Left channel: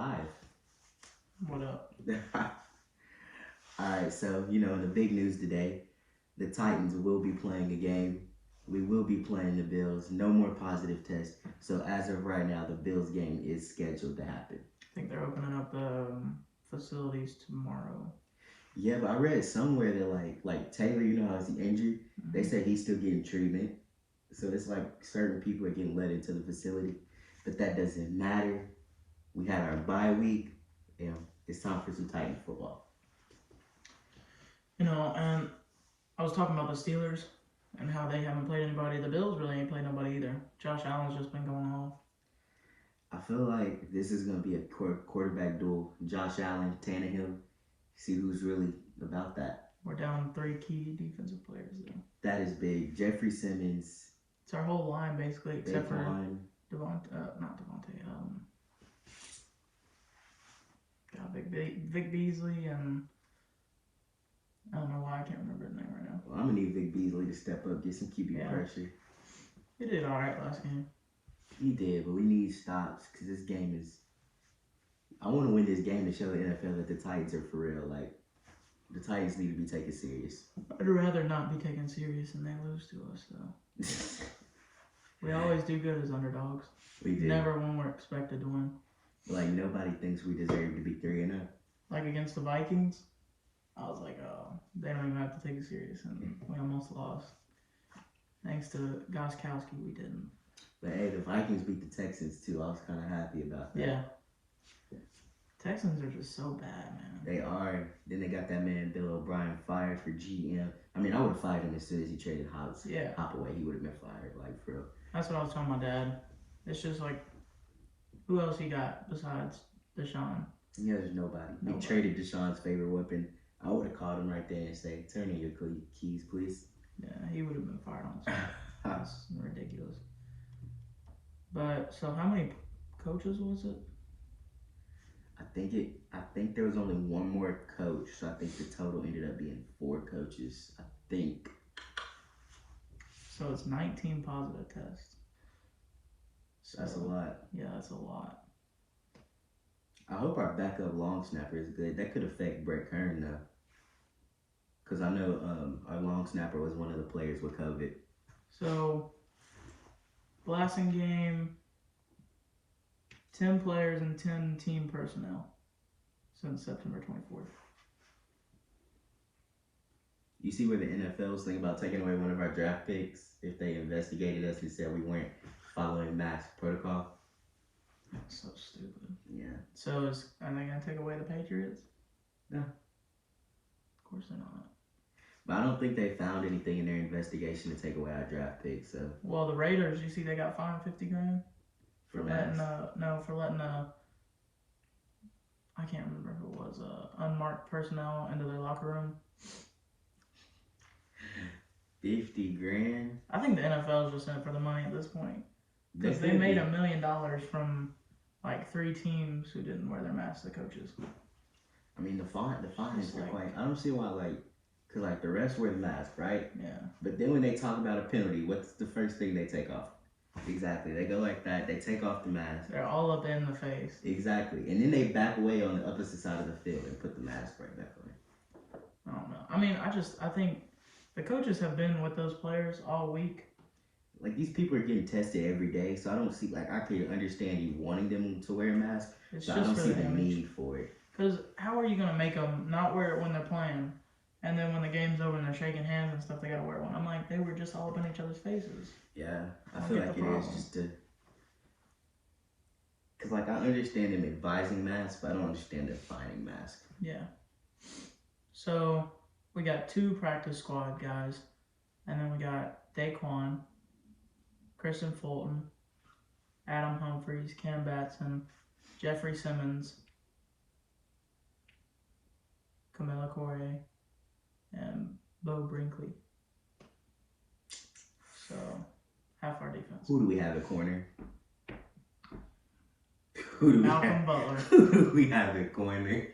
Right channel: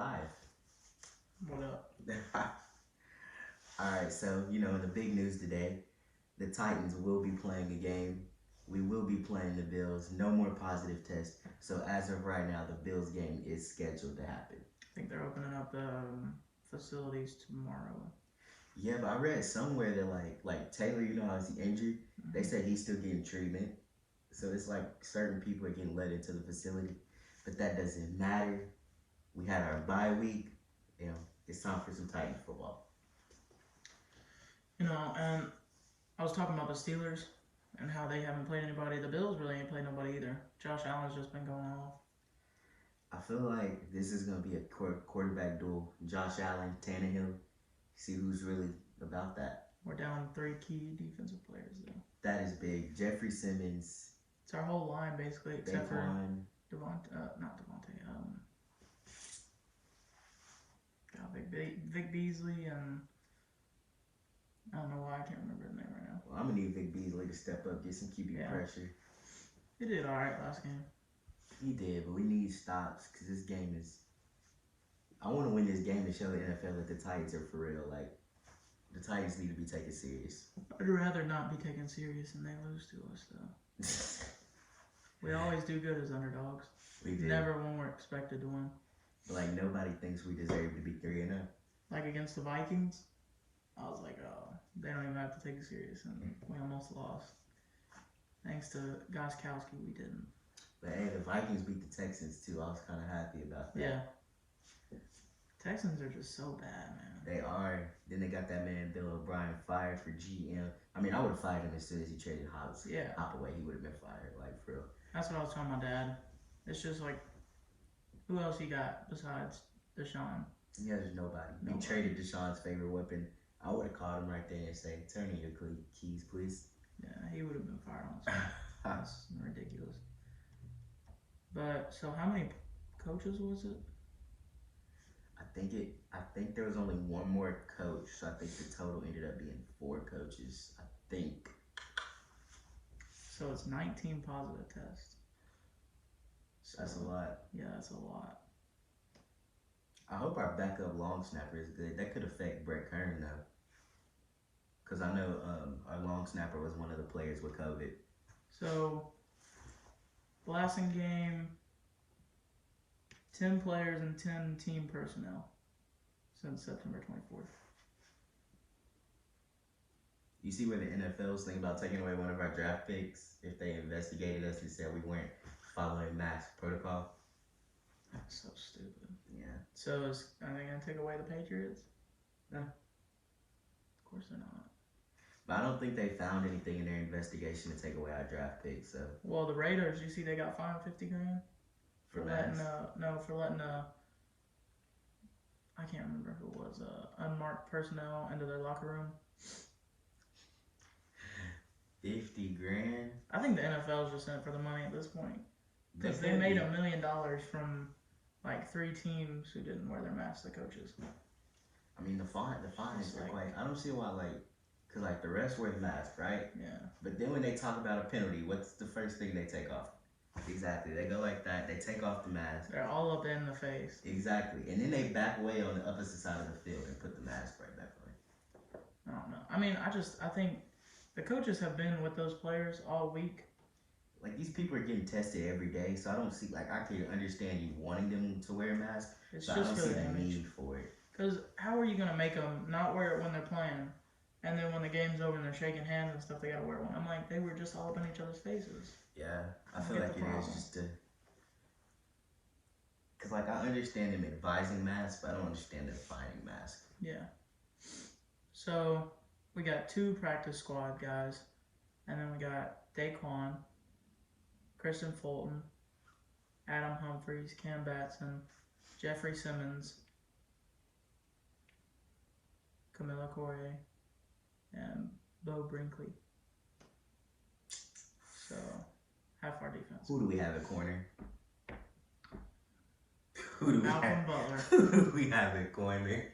live. What up? All right, so in the big news today, the Titans will be playing a game. We will be playing the Bills. No more positive tests. So as of right now, the Bills game is scheduled to happen. I think they're opening up the facilities tomorrow. Yeah, but I read somewhere that like Taylor, how he's injured. Mm-hmm. They say he's still getting treatment. So it's like certain people are getting let into the facility, but that doesn't matter. We had our bye week. It's time for some Titan football. And I was talking about the Steelers and how they haven't played anybody. The Bills really ain't played nobody either. Josh Allen's just been going off. I feel like this is going to be a quarterback duel. Josh Allen, Tannehill. See who's really about that. We're down 3 key defensive players, though. That is big. Jeffrey Simmons. It's our whole line, basically, except for line. Vic Beasley, and I don't know why I can't remember his name right now. Well, I'm going to need Vic Beasley to step up, get some QB pressure. He did all right last game. He did, but we need stops because this game is... I want to win this game to show the NFL that the Titans are for real. Like, the Titans need to be taken serious. I'd rather not be taken serious and they lose to us, though. We always do good as underdogs. We do. Never when we're expected to win. Like, nobody thinks we deserve to be 3-0. Like against the Vikings, I was like, oh, they don't even have to take it serious, and we almost lost. Thanks to Gostkowski, we didn't. But hey, the Vikings beat the Texans too. I was kind of happy about that. Yeah. Texans are just so bad, man. They are. Then they got that man Bill O'Brien fired for GM. I mean, I would have fired him as soon as he traded Hop away. He would have been fired, like, for real. That's what I was telling my dad. It's just like, who else he got besides Deshaun? He has nobody. He traded Deshaun's favorite weapon. I would have called him right there and say, "Turn in your keys, please." Yeah, he would have been fired on the spot. That's ridiculous. But so, how many coaches was it? I think there was only one more coach, so I think the total ended up being 4 coaches. I think. So it's 19 positive tests. That's a lot. Yeah, that's a lot. I hope our backup long snapper is good. That could affect Brett Kern, though. Because I know our long snapper was one of the players with COVID. So, blasting game, 10 players and 10 team personnel since September 24th. You see where the NFL's thinking about taking away one of our draft picks if they investigated us and said we weren't following mask protocol? That's so stupid. Yeah. So are they going to take away the Patriots? No. Of course they're not. But I don't think they found anything in their investigation to take away our draft picks. So. Well, the Raiders, you see, they got fined $50,000 for letting I can't remember who it was, unmarked personnel into their locker room. $50,000. I think the NFL is just in it for the money at this point. Because they made $1 million from like 3 teams who didn't wear their masks, the coaches. I mean, the fines are quite. I don't see why, because the refs wear the mask, right? Yeah. But then when they talk about a penalty, what's the first thing they take off? Exactly. They go like that. They take off the mask. They're all up in the face. Exactly. And then they back away on the opposite side of the field and put the mask right back on. I don't know. I mean, I think the coaches have been with those players all week. Like, these people are getting tested every day, so I don't see, I can understand you wanting them to wear a mask, but I don't see the need for it. Because how are you going to make them not wear it when they're playing, and then when the game's over and they're shaking hands and stuff, they got to wear one? I'm like, they were just all up in each other's faces. Yeah, I feel like it is just because, I understand them advising masks, but I don't understand them fining masks. Yeah. So, we got 2 practice squad guys, and then we got Daquan, Kristen Fulton, Adam Humphries, Cam Batson, Jeffrey Simmons, Camilla Correa, and Bo Brinkley. So, half our defense. Who do we have at corner? Malcolm Butler. Who do we have at corner?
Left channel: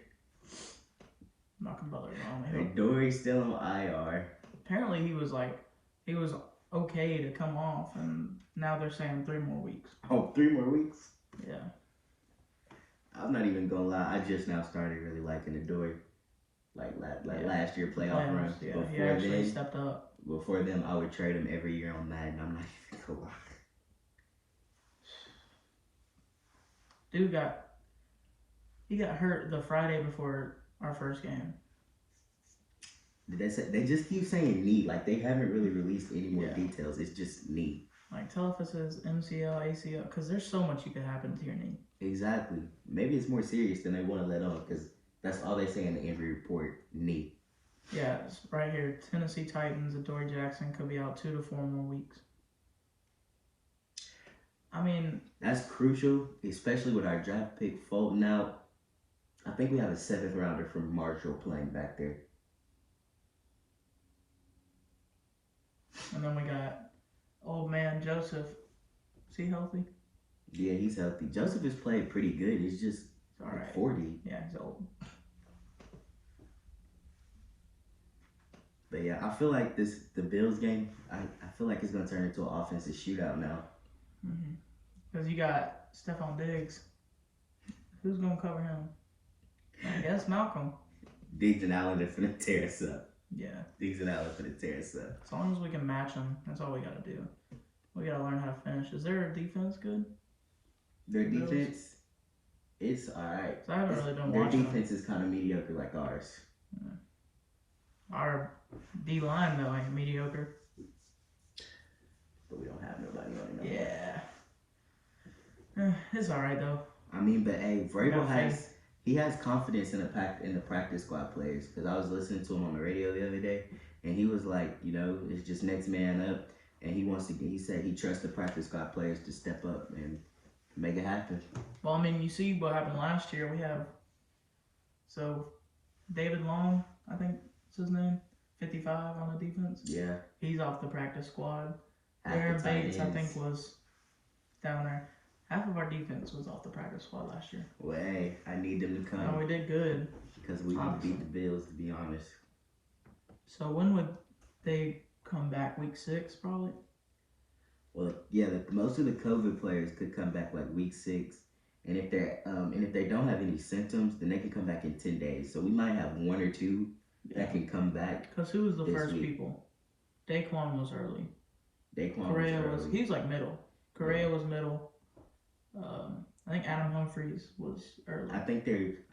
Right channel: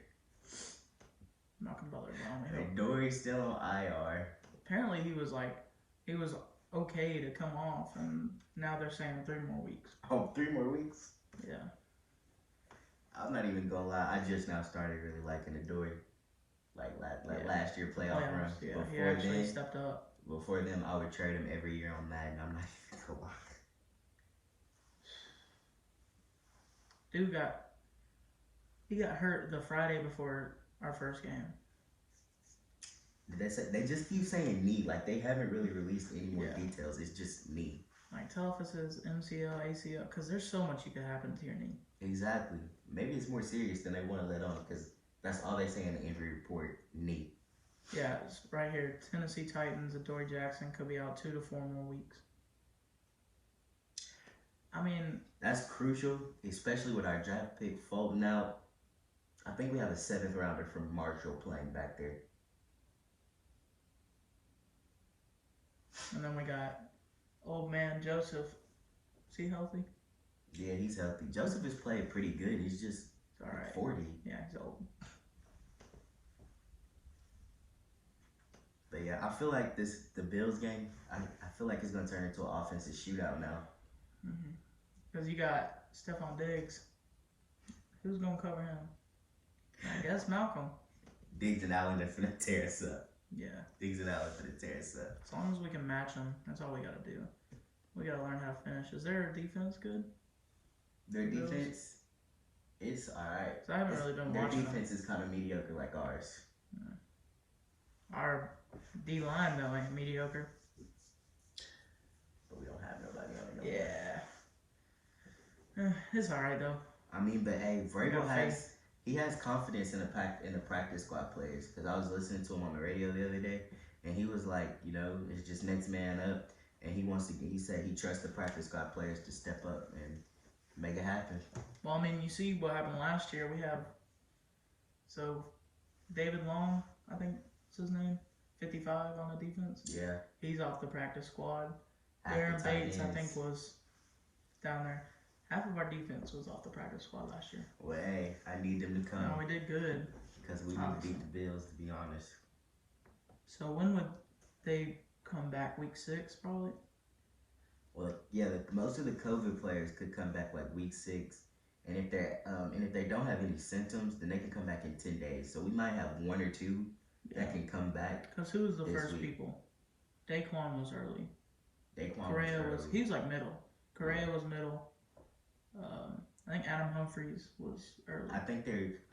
Malcolm Butler. Dory's still on IR. Apparently he was okay to come off, and now they're saying 3 more weeks. Oh, 3 more weeks? Yeah. I'm not even gonna lie. I just now started really liking Adore. Like Yeah. last year playoff Playoffs, runs. yeah. He Before actually then, stepped up. I would trade him every year on Madden. I'm not even gonna lie. Dude he got hurt the Friday before our first game. Did they say they just keep saying knee? Like they haven't really released any more Yeah. details. It's just knee. Like, tell if it says MCL, ACL, because there's so much you could happen to your knee. Exactly. Maybe it's more serious than they want to let on because that's all they say in the injury report. Knee. Yeah, it's right here. Tennessee Titans, Adoree Jackson could be out 2 to 4 more weeks. I mean, that's crucial, especially with our draft pick Fulton out. I think we have a 7th rounder from Marshall playing back there. And then we got old man Joseph. Is he healthy? Yeah, he's healthy. Joseph has played pretty good. He's just all right. 40. Yeah, he's old. But yeah, I feel like the Bills game, I feel like it's going to turn into an offensive shootout now. Because you got Stephon Diggs. Who's going to cover him? I guess Malcolm. Diggs and Allen are finna tear us up. Yeah. Diggs and Allen finna tear us up. As long as we can match them, that's all we got to do. We got to learn how to finish. Is their defense good? Their defense, it's all right. I haven't really been their watching defense is kind of mediocre like ours. Yeah. Our D-line, though, ain't mediocre. But we don't have nobody on it no more. It's all right, though. I mean, but hey, Vrabel has confidence in the practice squad players. Because I was listening to him on the radio the other day, and he was like, it's just next man up. And he said he trusts the practice squad players to step up and make it happen. Well, I mean, you see what happened last year. We have, David Long, I think is his name, 55 on the defense. Yeah. He's off the practice squad. Aaron Bates, I think, was down there. Half of our defense was off the practice squad last year. Well, hey, I need them to come. No, we did good. Because we need to beat the Bills, to be honest. So when would they come back? Week 6, probably? Well, yeah, most of the COVID players could come back like week 6. And if they don't have any symptoms, then they can come back in 10 days. So we might have 1 or 2 that can come back. Because who was the first people? Daquan was early. Correa was he was like middle. Correa was middle. I think Adam Humphries was early. I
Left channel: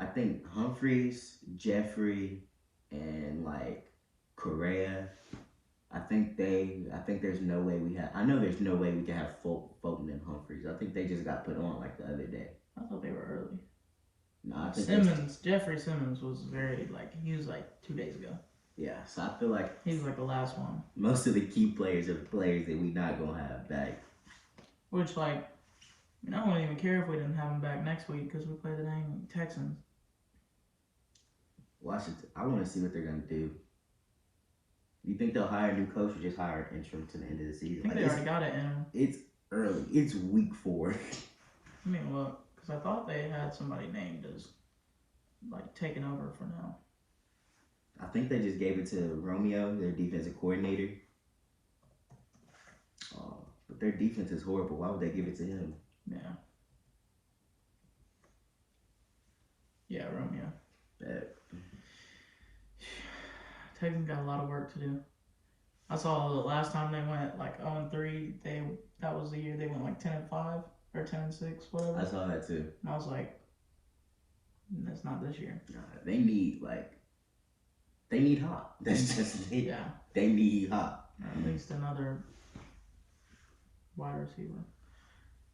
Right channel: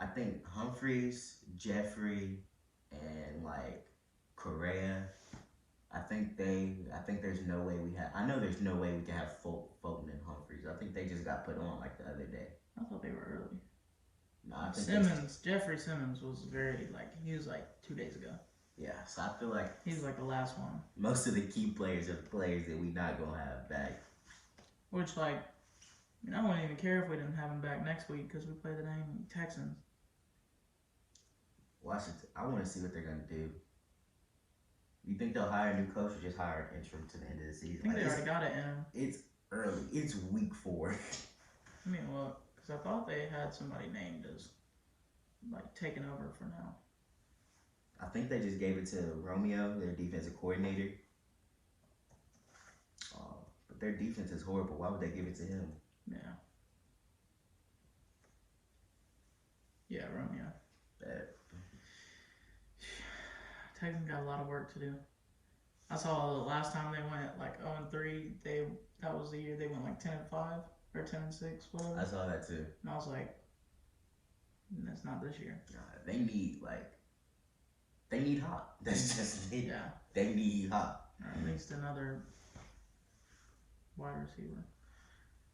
think Humphries, Jeffrey, and like Correa. I think there's no way there's no way we can have Fulton and Humphries. I think they just got put on like the other day. I thought they were early. No, I think Jeffrey Simmons was he was like 2 days ago. Yeah, so I feel like he's like the last one. Most of the key players are the players that we not gonna have back. Which I wouldn't even care if we didn't have them back next week because we play the dang Texans. Washington. I want to see what they're gonna do. You think they'll hire a new coach or just hire an interim to the end of the season? I think they already got it in. It's early. It's week 4. I mean, look, because I thought they had somebody named as like taking over for now. I think they just gave it to Romeo, their defensive coordinator. But their defense is horrible. Why would they give it to him? Yeah. Yeah, Romeo. Texans got a lot of work to do. I saw the last time they went like 0-3. That was the year they went like 10-5 or 10-6, whatever. I saw that too. And I was like, that's not this year. They need Hop. That's just it. Yeah. They need Hop. Or at least another wide receiver.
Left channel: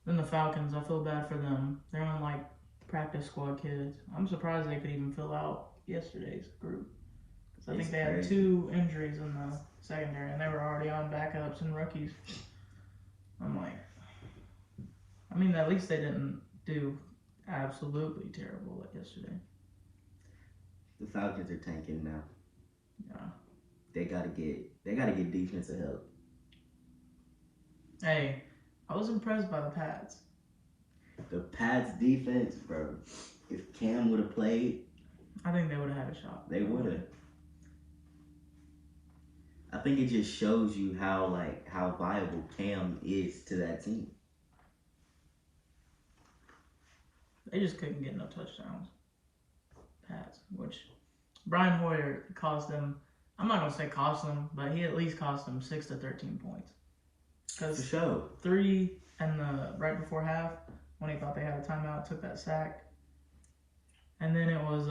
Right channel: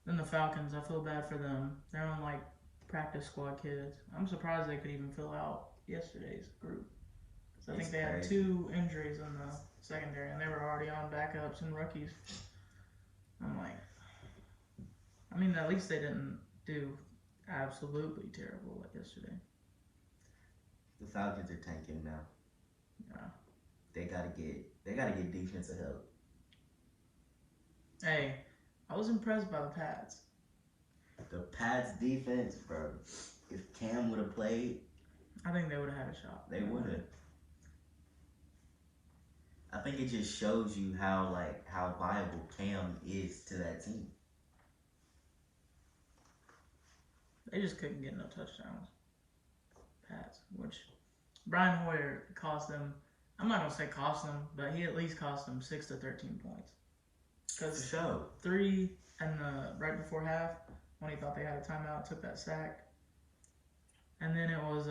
Then the Falcons, I feel bad for them. They're on like practice squad kids. I'm surprised they could even fill out yesterday's group. I think they had 2 injuries in the secondary, and they were already on backups and rookies. I'm like, at least they didn't do absolutely terrible like yesterday. The Falcons are tanking now. Yeah. They gotta get defensive help. Hey, I was impressed by the Pats. The Pats defense, bro. If Cam would have played, I think they would have had a shot. They would have. I think it just shows you how viable Cam is to that team. They just couldn't get no touchdowns. Pass, which Brian Hoyer cost them. I'm not gonna say cost them, but he at least cost them 6 to 13 points. For Because sure. 3 and the right before half when he thought they had a timeout, took that sack, and then it was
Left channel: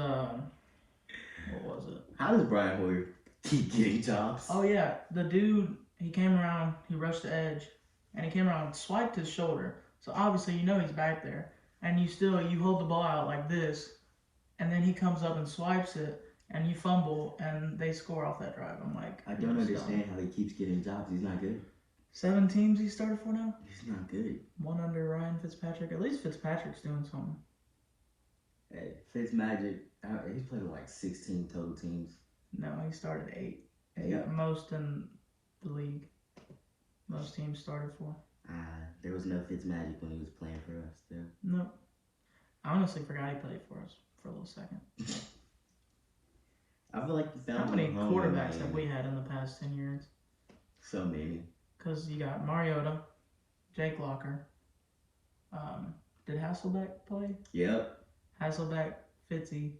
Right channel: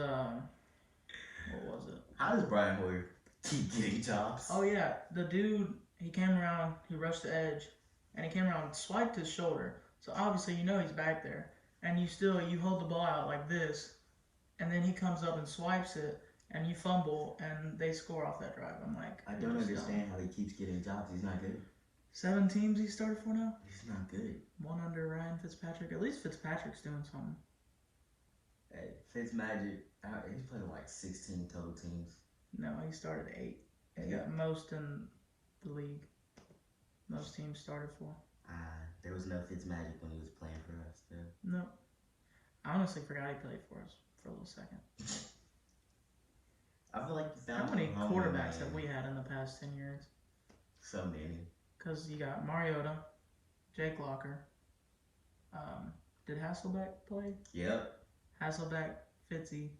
what was it? How does Brian Hoyer keep getting jobs? Oh yeah, the dude, he came around, he rushed the edge, and he came around and swiped his shoulder. So obviously you know he's back there, and you hold the ball out like this, and then he comes up and swipes it, and you fumble, and they score off that drive. I'm like, I don't understand how he keeps getting jobs. He's not good. 7 teams he started for now. He's not good. 1 under Ryan Fitzpatrick. At least Fitzpatrick's doing something. Hey, Fitzmagic, he's played with like 16 total teams. No, he started 8. He 8? got most in the league. Most teams started for. There was no Fitzmagic when he was playing for us, though. No. I honestly forgot he played for us for a little second. I feel like you found How many him home in quarterbacks have Miami. we had in the past 10 years? So many. Because you got Mariota, Jake Locker. Did Hasselbeck play? Yep. Hasselbeck, Fitzy.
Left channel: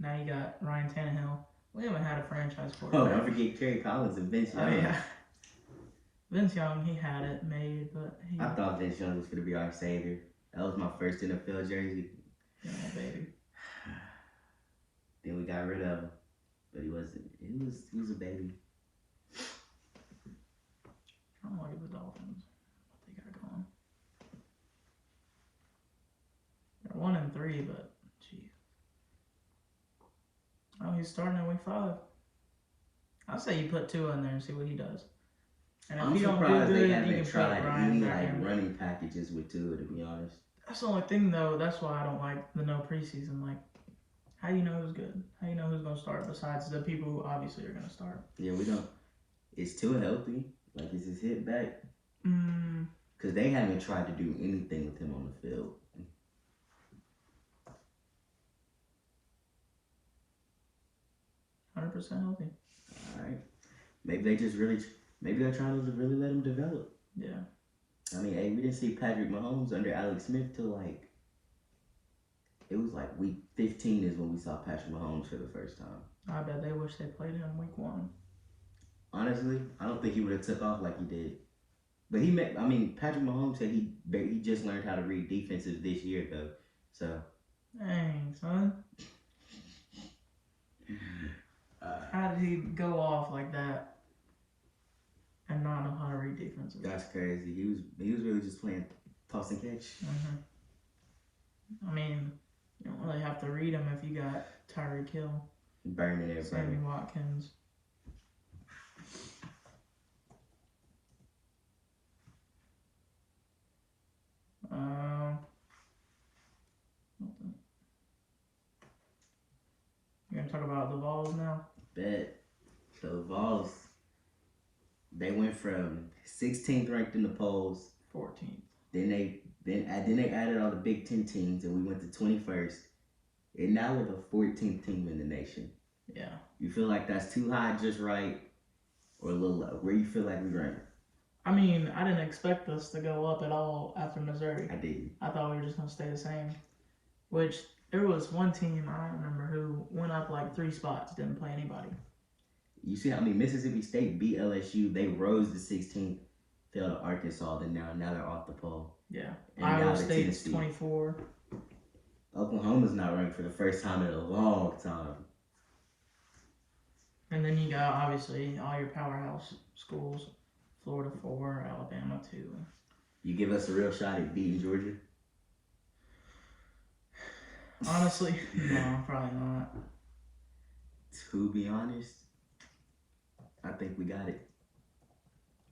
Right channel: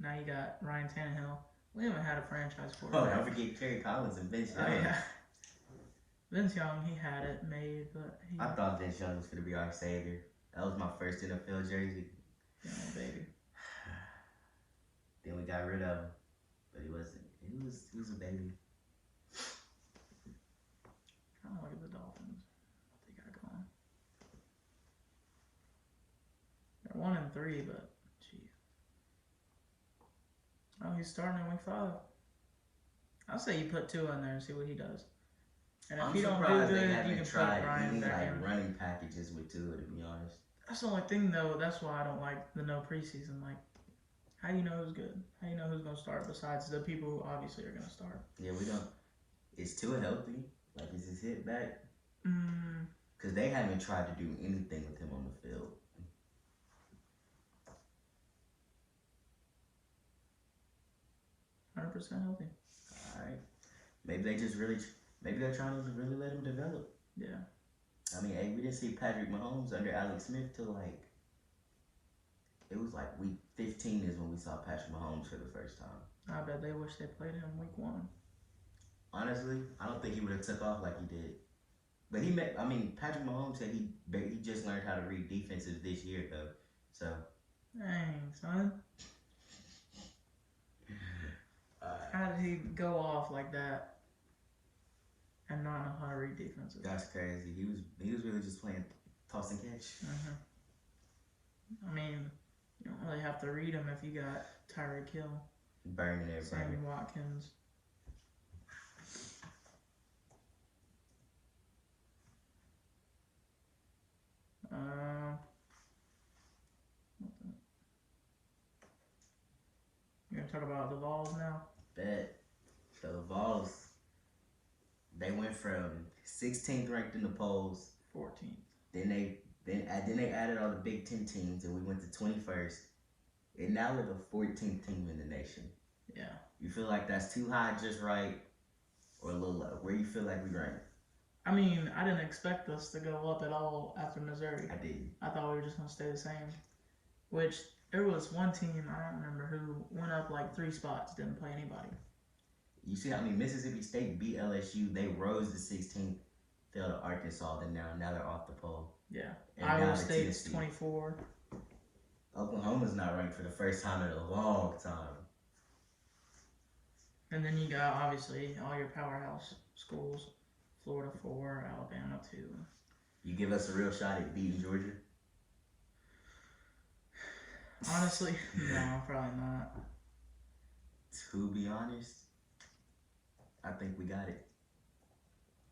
Now you got Ryan Tannehill. We haven't had a franchise Oh, quarterback. don't forget Kerry Collins and Vince Oh, Young. yeah. Vince Young, he had it made, but he. I thought Vince Young was going to be our savior. That was my first NFL jersey. Yeah, baby. Then we got rid of him. But he wasn't. He was a baby. I don't like the Dolphins. What they got going. They're 1-3, but gee. Oh, he's starting in week 5. I say you put 2 in there and see what he does. And if I'm he don't do surprised good, they you haven't can put tried Ryan any back like in. running packages with Tua, to be honest. That's the only thing though. That's why I don't like the no preseason. Like, how do you know who's good? How do you know who's gonna start besides the people who obviously are gonna start? Yeah, we don't. Is Tua healthy? Like, is his hip back? Mm, Because they haven't tried to do anything with him on the field. 100% healthy. All right. Maybe they just really. Maybe they're trying to really let him develop. Yeah. I mean, hey, we didn't see Patrick Mahomes under Alex Smith till like. It was like week 15 is when we saw Patrick Mahomes for the first time. I bet they wish they played him week 1. Honestly, I don't think he would have took off like he did. But he made. I mean, Patrick Mahomes said he just learned how to read defenses this year though. So. Dang, son. How did he go off like that and not know how to read defenses? That's crazy. He was really just playing toss and catch. I mean, you don't really have to read them if you got Tyreek Hill, Burning everybody. Sammy Watkins. Nothing. You gonna talk about the Vols now? Bet. So the Vols, they went from 16th ranked in the polls. 14th. Then they added all the Big Ten teams, and we went to 21st. And now we're the 14th team in the nation. Yeah. You feel like that's too high, just right, or a little low? Where you feel like we rank? I mean, I didn't expect us to go up at all after Missouri. I didn't. I thought we were just gonna stay the same. Which there was one team, I don't remember who, went up like 3 spots, didn't play anybody. You see how many Mississippi State beat LSU? They rose to 16th, fell to Arkansas, then now they're off the pole. Yeah. And now Iowa the State's Tennessee. 24. Oklahoma's not ranked for the first time in a long time. And then you got obviously all your powerhouse schools. Florida 4, Alabama 2. You give us a real shot at beating Georgia? Honestly, no, probably not. To be honest, I think we got it.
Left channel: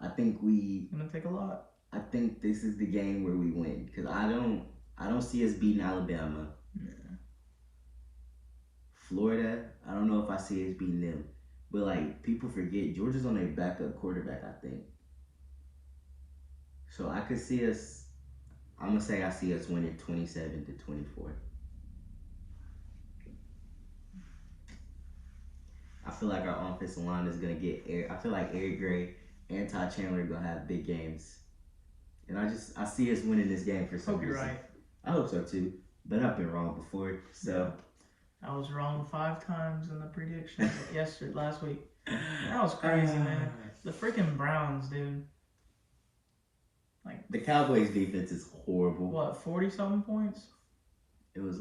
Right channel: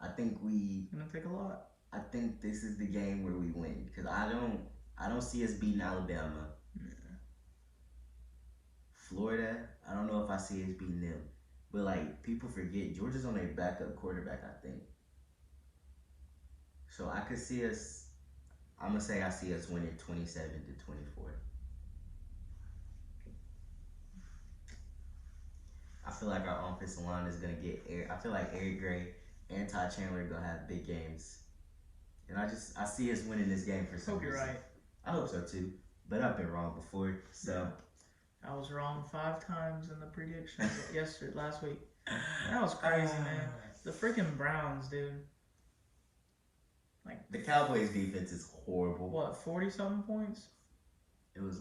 I think Gonna take a lot. I think this is the game where we win, because I don't see us beating Alabama. Yeah. Florida, I don't know if I see us beating them. But like, people forget Georgia's on their backup quarterback, I think. So I could see us. I'm gonna say I see us winning 27-24. I feel like our offensive line is gonna get I feel like Eric Gray and Ty Chandler are gonna have big games, and I see us winning this game for some Hope you're reason. right. I hope so too. But I've been wrong before, so. I was wrong 5 times in the predictions last week. That was crazy, man. The freaking Browns, dude. Like the Cowboys' defense is horrible. What, 40-something points? It was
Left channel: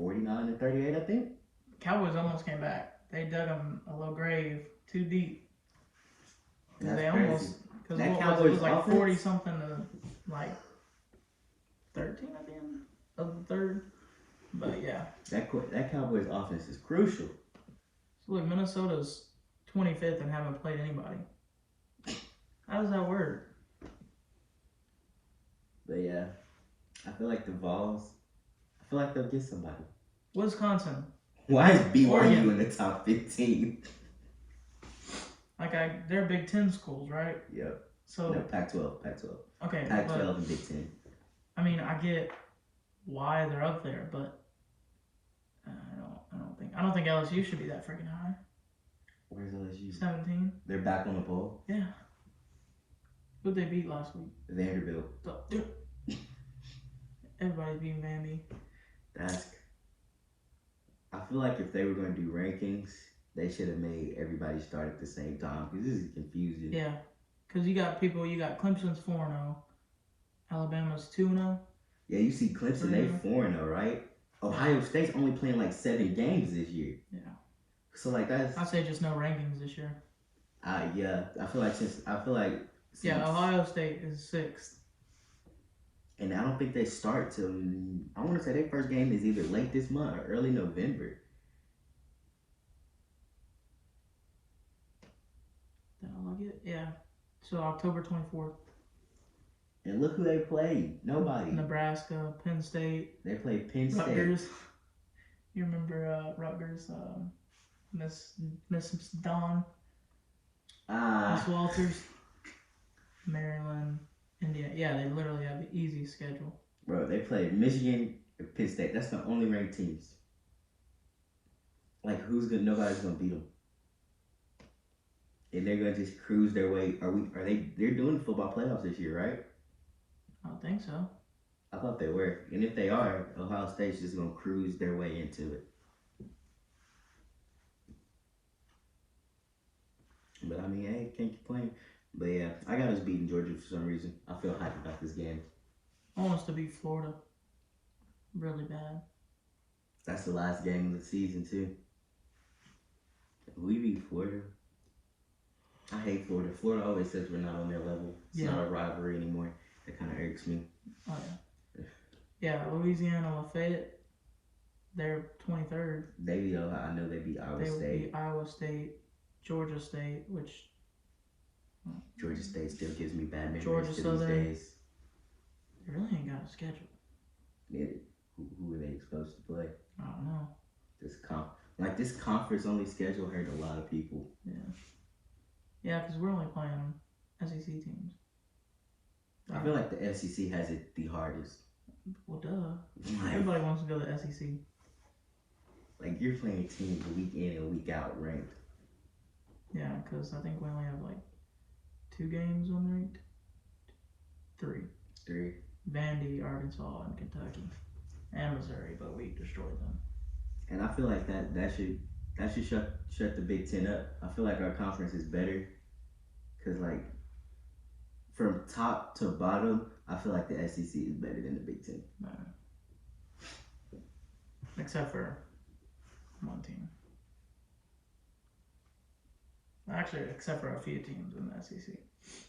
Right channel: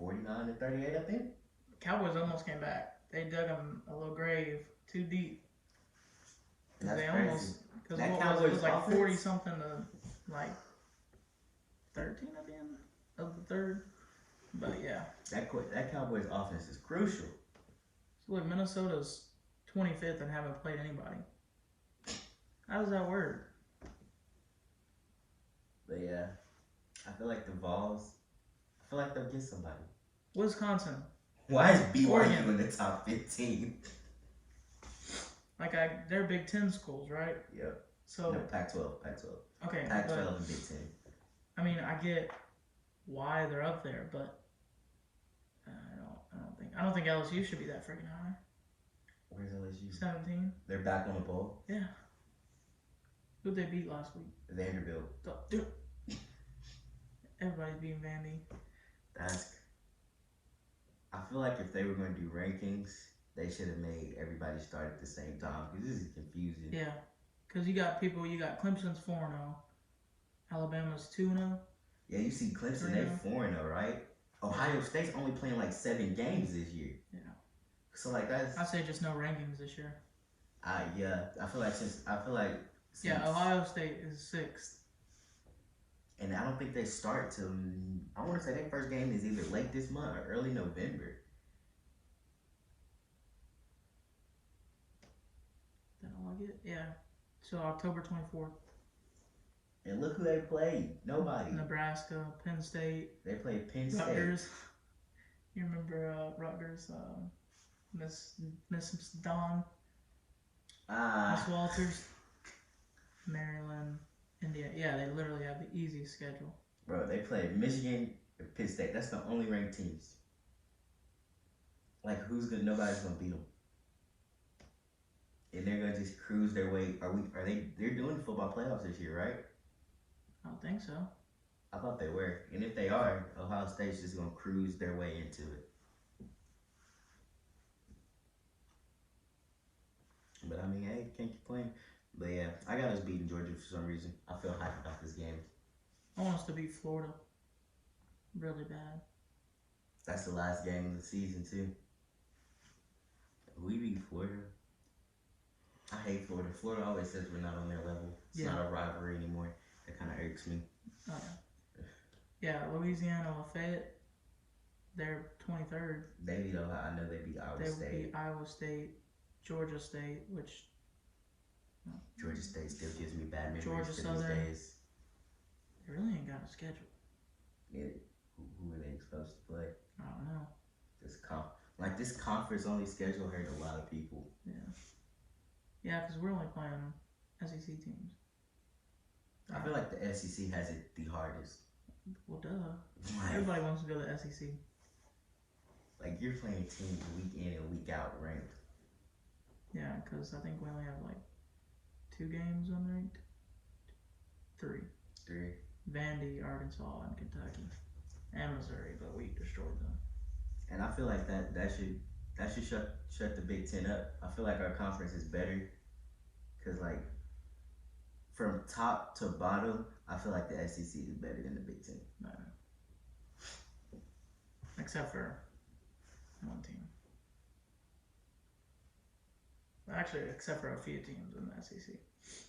49-38, I think. Cowboys almost came back. They dug them a little grave too deep. That's they crazy. almost, because That it Cowboys was like offense? 40-something to like 13 at the end of the third. But yeah. That Cowboys offense is crucial. So look, Minnesota's 25th and haven't played anybody. How does that work? But yeah, I feel like the Vols, I feel like they'll get somebody. Wisconsin. Why is BYU Oregon. in the top 15? They're Big Ten schools, right? Yep. So No, Pac-12. okay, Pac-12 but, and Big Ten. I mean, I get why they're up there, but I don't think LSU should be that freaking high. Where's LSU? 17. They're back on the bowl. Yeah. Who'd they beat last week? Vanderbilt. Dude. Everybody beat Vandy. I feel like if they were going to do rankings, they should have made everybody start at the same time because this is confusing. Yeah, because you got Clemson's 4-0, Alabama's 2-0. Yeah, you see Clemson, they 4-0, right? Ohio State's only playing like 7 games this year. Yeah. So like that's. I say just no rankings this year. Yeah, I feel like since. Yeah, Ohio State is 6th. And I don't think they start till, I want to say their first game is either late this month or early November. That all I get? Yeah. So October 24th. And look who they played. Nobody. Nebraska, Penn State. They played Penn State. Rutgers. You remember Rutgers, Miss Dawn? Miss Walters. Maryland. Indiana. Yeah, they literally have an easy schedule. Bro, they played Michigan and Penn State. That's the only ranked teams. Like, nobody's gonna beat them. And they're gonna just cruise their way. They're doing the football playoffs this year, right? I don't think so. I thought they were. And if they are, Ohio State's just gonna cruise their way into it. But I mean, hey, can't complain. But yeah, I got us beating Georgia for some reason. I feel hyped about this game. I want us to beat Florida. Really bad. That's the last game of the season too. We beat Florida. I hate Florida. Florida always says we're not on their level. It's not a rivalry anymore. That kind of irks me. Oh yeah. Yeah, Louisiana, Lafayette. They're 23rd. They beat Ohio. I know they beat Iowa State. They beat Iowa State, Georgia State, which. Georgia State still gives me bad memories Georgia to these Southern. days. They really ain't got a schedule. Yeah, who are they supposed to play? I don't know. This conference only schedule hurt a lot of people. Yeah. Yeah, because we're only playing SEC teams. I feel like the SEC has it the hardest. Well, duh. Everybody wants to go to the SEC. Like, you're playing teams week in and week out ranked. Yeah, because I think we only have 2 games unranked. 3. Vandy, Arkansas, and Kentucky, and Missouri, but we destroyed them. And I feel like that should shut the Big Ten up. I feel like our conference is better because from top to bottom, I feel like the SEC is better than the Big Ten. No. Except for one team. Actually, except for a few teams in the SEC.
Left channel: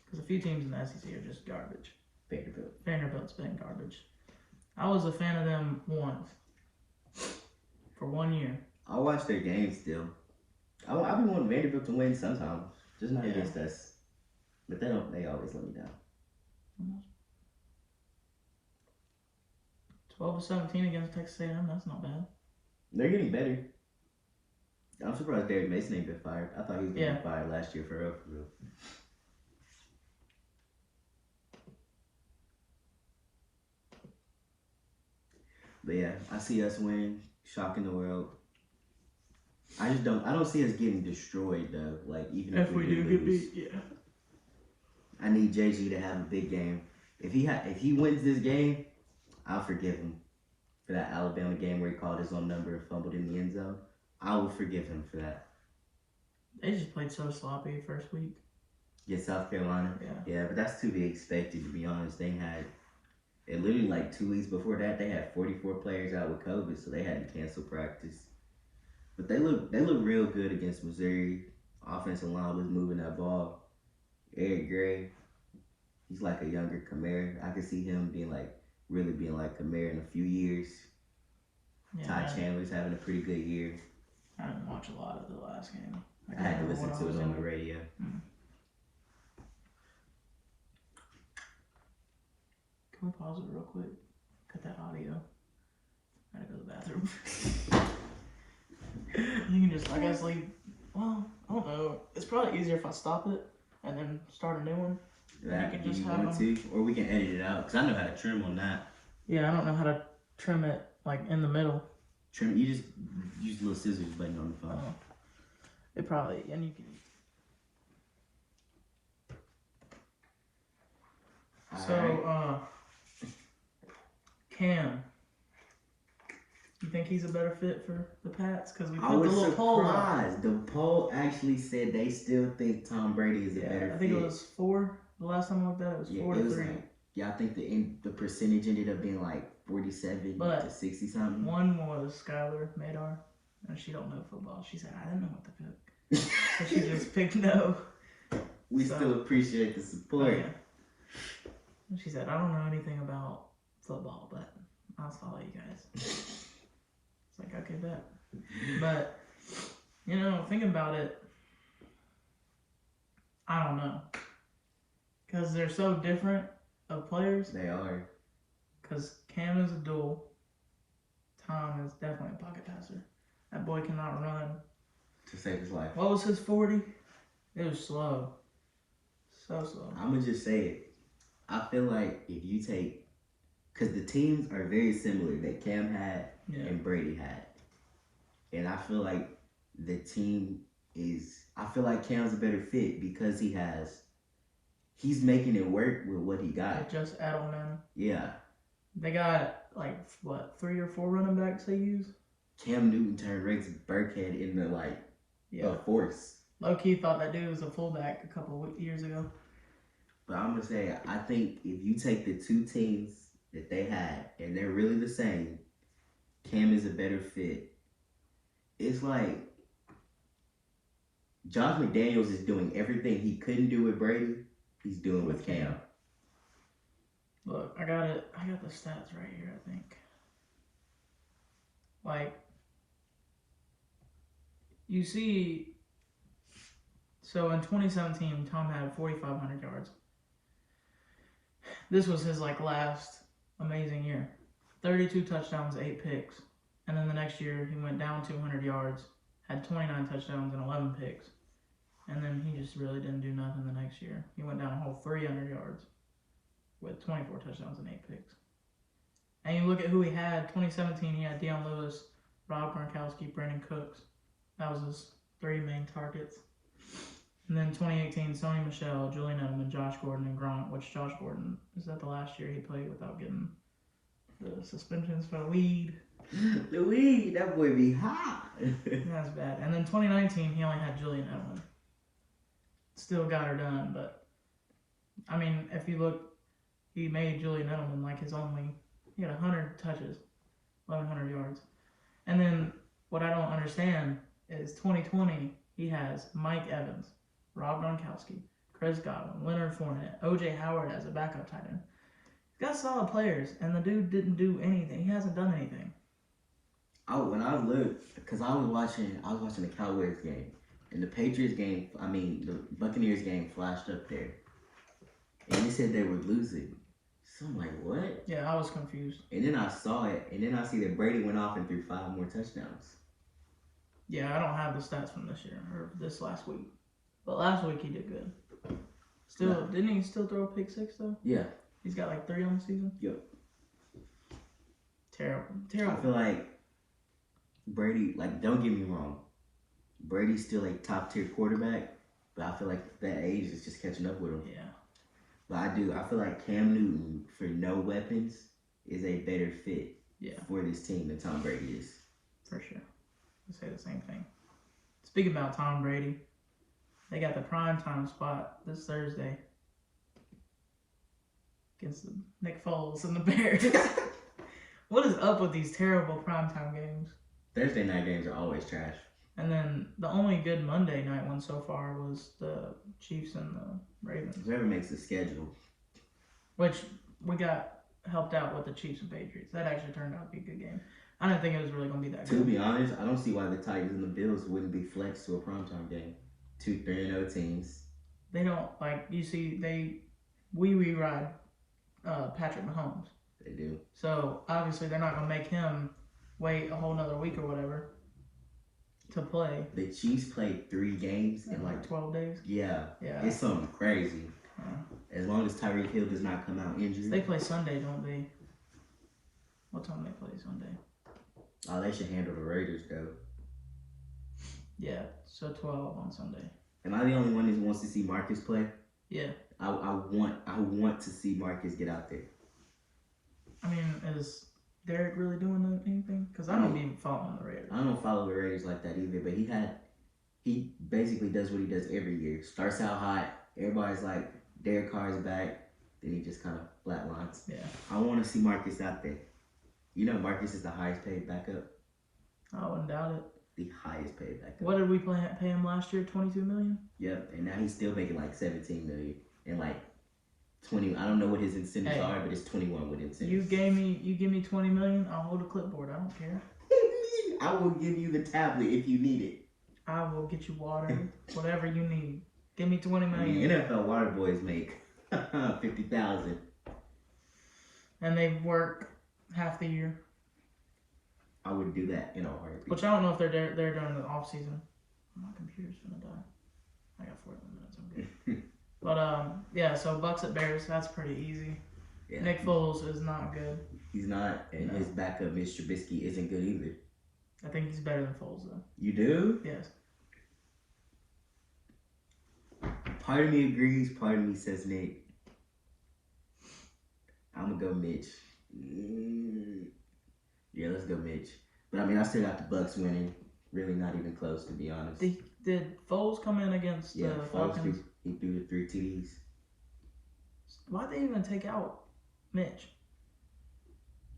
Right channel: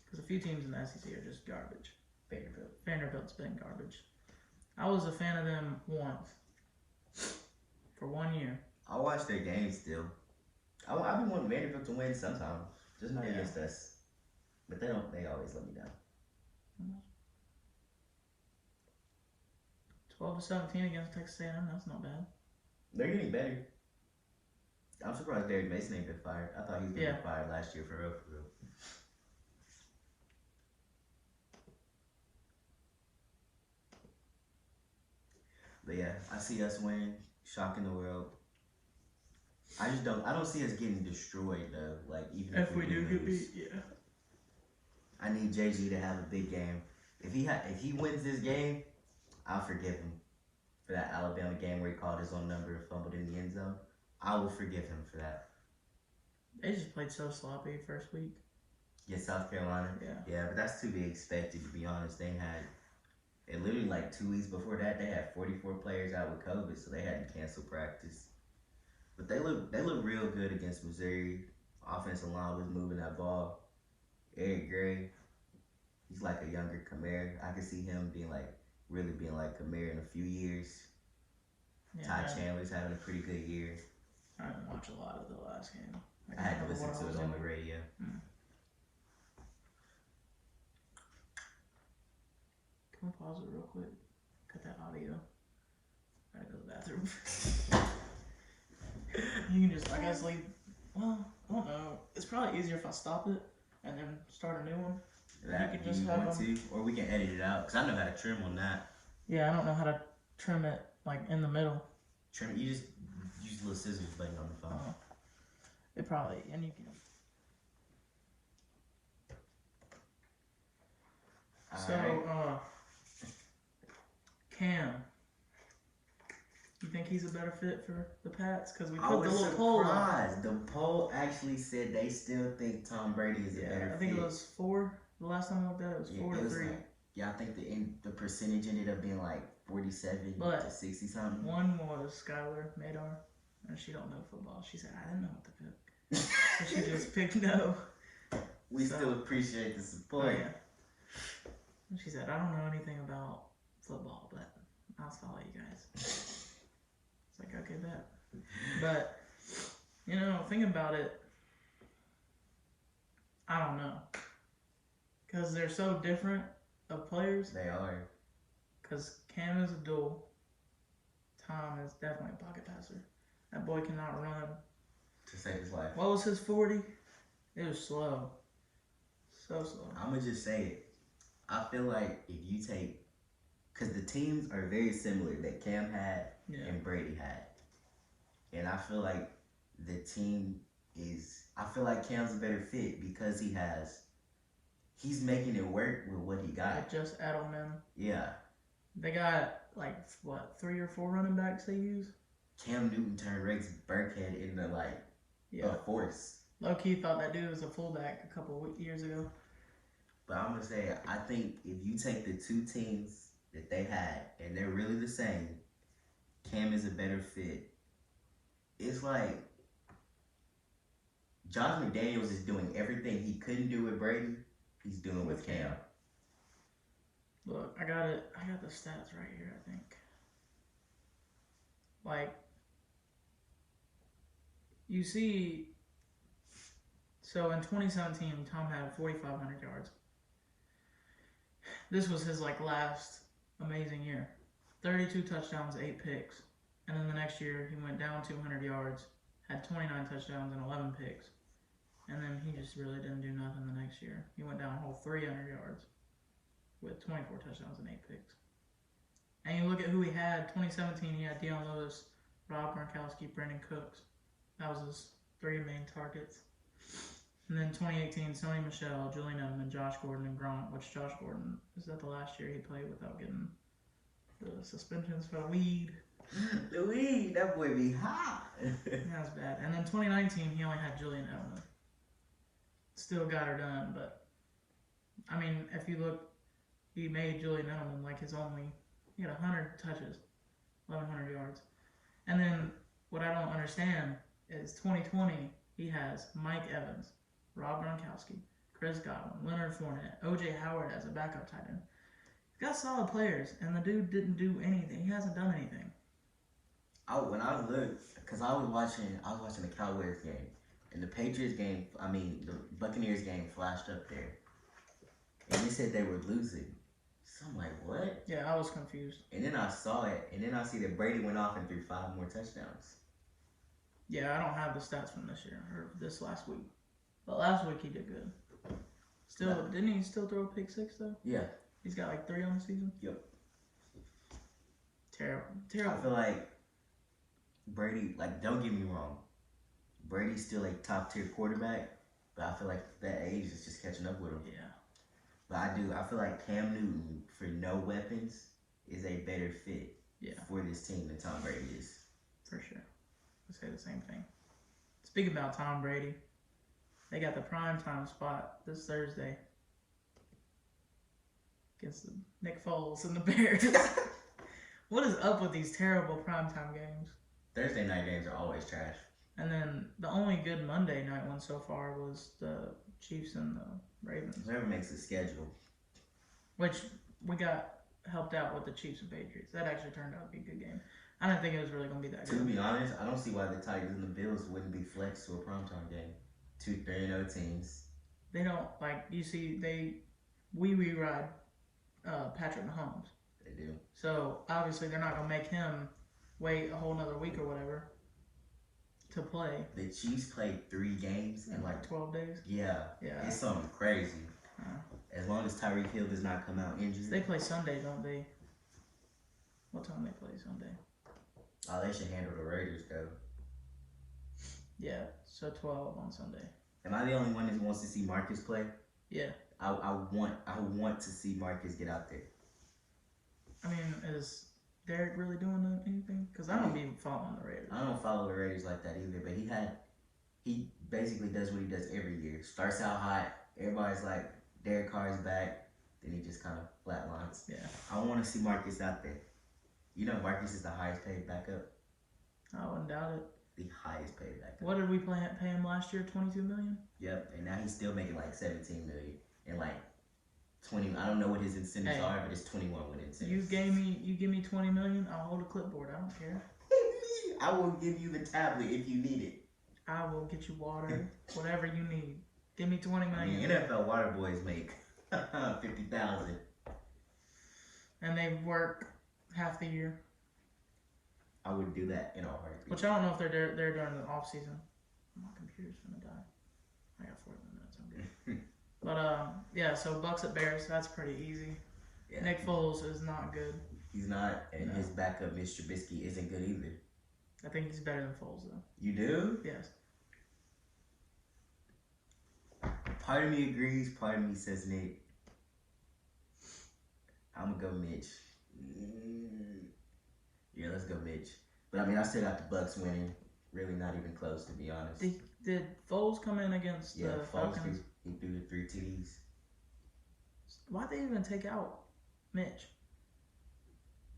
Because a few teams in the SEC are just garbage. Vanderbilt's been garbage. I was a fan of them once. For 1 year. I'll watch their games still. I've been wanting Vanderbilt to win sometimes. Just not against us. But they always let me down. 12-17 against Texas A&M, that's not bad. They're getting better. I'm surprised Derek Mason ain't been fired. I thought he was going to be fired last year for real. But yeah, I see us winning, shocking the world. I don't see us getting destroyed though. Like, even if we do get lose. beat, yeah. I need Jay-Z to have a big game. If he wins this game, I'll forgive him. for that Alabama game where he called his own number and fumbled in the end zone. I would forgive him for that. They just played so sloppy first week. Yeah, South Carolina. Yeah. Yeah, but that's to be expected, to be honest. They literally like 2 weeks before that, they had 44 players out with COVID, so they had to cancel practice. But they look real good against Missouri. Offensive line was moving that ball. Eric Gray, he's like a younger Kamara. I could see him really being like Kamara in a few years. Yeah, Ty Chandler's having a pretty good year. I didn't watch a lot of the last game. I had to listen to it on the radio. Can we pause it real quick? Cut that audio. I gotta go to the bathroom. You can just, I guess, leave. Well, I don't know. It's probably easier if I stop it and then start a new one. That, do you want to? Or we can edit it out, because I know how to trim on that. Yeah, I don't know how to trim it, like, in the middle. Trim it, you just use the little scissors button on the phone. It probably, and you can. So, Cam, you think he's a better fit for the Pats? Because we put the little poll up. I was surprised. The poll actually said they still think Tom Brady is a better fit. I think it was 4. The last time I looked at it, it was 4 to 3. I think the percentage ended up being like 47 to 60 something. One was Skylar Madar, and she don't know football. She said, I didn't know what to pick. So she just picked no. We still appreciate the support. Yeah. And she said, I don't know anything about football, but I'll follow you guys. It's like, okay, bet. But, thinking about it, I don't know. Because they're so different of players. They are. Because Cam is a duel. Tom is definitely a pocket passer. That boy cannot run. To save his life. What was his 40? It was slow. So slow. I'm going to just say it. I feel like if you take, because the teams are very similar that Cam had and Brady had. And I feel like I feel like Cam's a better fit because he's making it work with what he got. Just Edelman. Yeah. They got, 3 or 4 running backs they use? Cam Newton turned Rex Burkhead into, a force. Low-key thought that dude was a fullback a couple of years ago. But I'm going to say, I think if you take the 2 teams that they had, and they're really the same, Cam is a better fit. It's like Josh McDaniels is doing everything he couldn't do with Brady, he's doing with Cam. Look, I got the stats right here, I think. You see, so in 2017, Tom had 4,500 yards. This was his, last amazing year. 32 touchdowns, 8 picks. And then the next year, he went down 200 yards, had 29 touchdowns and 11 picks. And then he just really didn't do nothing the next year. He went down a whole 300 yards with 24 touchdowns and 8 picks. And you look at who he had. 2017, he had Deion Lewis, Rob Gronkowski, Brandon Cooks. That was his 3 main targets. And then 2018, Sony Michel, Julian Edelman, Josh Gordon, and Gronk, which Josh Gordon, is that the last year he played without getting the suspensions for the weed? The weed, that boy be hot. That's bad. And then 2019, he only had Julian Edelman. Still got her done, but I mean, if you look, he made Julian Edelman he had 100 touches, 1,100 yards. And then what I don't understand is 2020, he has Mike Evans, Rob Gronkowski, Chris Godwin, Leonard Fournette, O.J. Howard as a backup tight end. He's got solid players, and the dude didn't do anything. He hasn't done anything. When I looked, because I was watching the Cowboys game, and the Patriots game, the Buccaneers game flashed up there. And they said they were losing. So I'm like, what? Yeah, I was confused. And then I saw it, and then I see that Brady went off and threw 5 more touchdowns. Yeah, I don't have the stats from this year, or this last week. But last week he did good. Didn't he still throw a pick 6, though? Yeah. He's got 3 on the season? Yep. Terrible. I feel like Brady, don't get me wrong, Brady's still a top-tier quarterback, but I feel like that age is just catching up with him. Yeah. But I feel like Cam Newton, for no weapons, is a better fit Yeah. for this team than Tom Brady is. For sure. I say the same thing. Speaking about Tom Brady, they got the prime time spot this Thursday against Nick Foles and the Bears. What is up with these terrible primetime games? Thursday night games are always trash. And then the only good Monday night one so far was the Chiefs and the Ravens. Whoever makes the schedule. Which we got helped out with the Chiefs and Patriots. That actually turned out to be a good game. I didn't think it was really going to be that To good. be honest, I don't see why the Titans and the Bills wouldn't be flexed to a primetime game. 2 3-0 teams. They don't, like, you see, we ride Patrick Mahomes. They do. So, obviously, they're not going to make him wait a whole nother week or whatever to play. The Chiefs played 3 games in like 12 days. Yeah. Yeah. It's something crazy. As long as Tyreek Hill does not come out injured. They play Sunday, don't they? What time they play Sunday? Oh, they should handle the Raiders though. Yeah, so 12 on Sunday. Am I the only one that wants to see Marcus play? Yeah. I want to see Marcus get out there. I mean, is Derek really doing anything? Because I don't be following the Raiders. I don't follow the Raiders like that either, but he basically does what he does every year. Starts out hot, everybody's like, Derek Carr's back, then he just kind of flatlines. Yeah. I want to see Marcus out there. You know Marcus is the highest paid backup. I wouldn't doubt it. The highest paid backup. What did we pay him last year? $22 million? Yep, and now he's still making like $17 million and like 20. I don't know what his incentives are, but it's 21 with incentives. You give me $20 million, I'll hold a clipboard. I don't care. I will give you the tablet if you need it. I will get you water, whatever you need. Give me $20 I million. mean, NFL water boys make $50,000. And they work half the year. I would do that in a heartbeat. Which I don't know if they're there during the off season. My computer's gonna die. I got 41 minutes. I'm good. But yeah. So Bucks at Bears. That's pretty easy. Yeah. Nick Foles is not good. He's not, and No. his backup, Mitch Trubisky, isn't good either. I think he's better than Foles though. You do? Yes. Part of me agrees. Part of me says Nick. I'm gonna go Mitch. Yeah, let's go Mitch. But I mean, I still got the Bucks winning. Really, not even close, to be honest. Did Foles come in against the Falcons? He threw the 3 TDs. Why'd they even take out Mitch?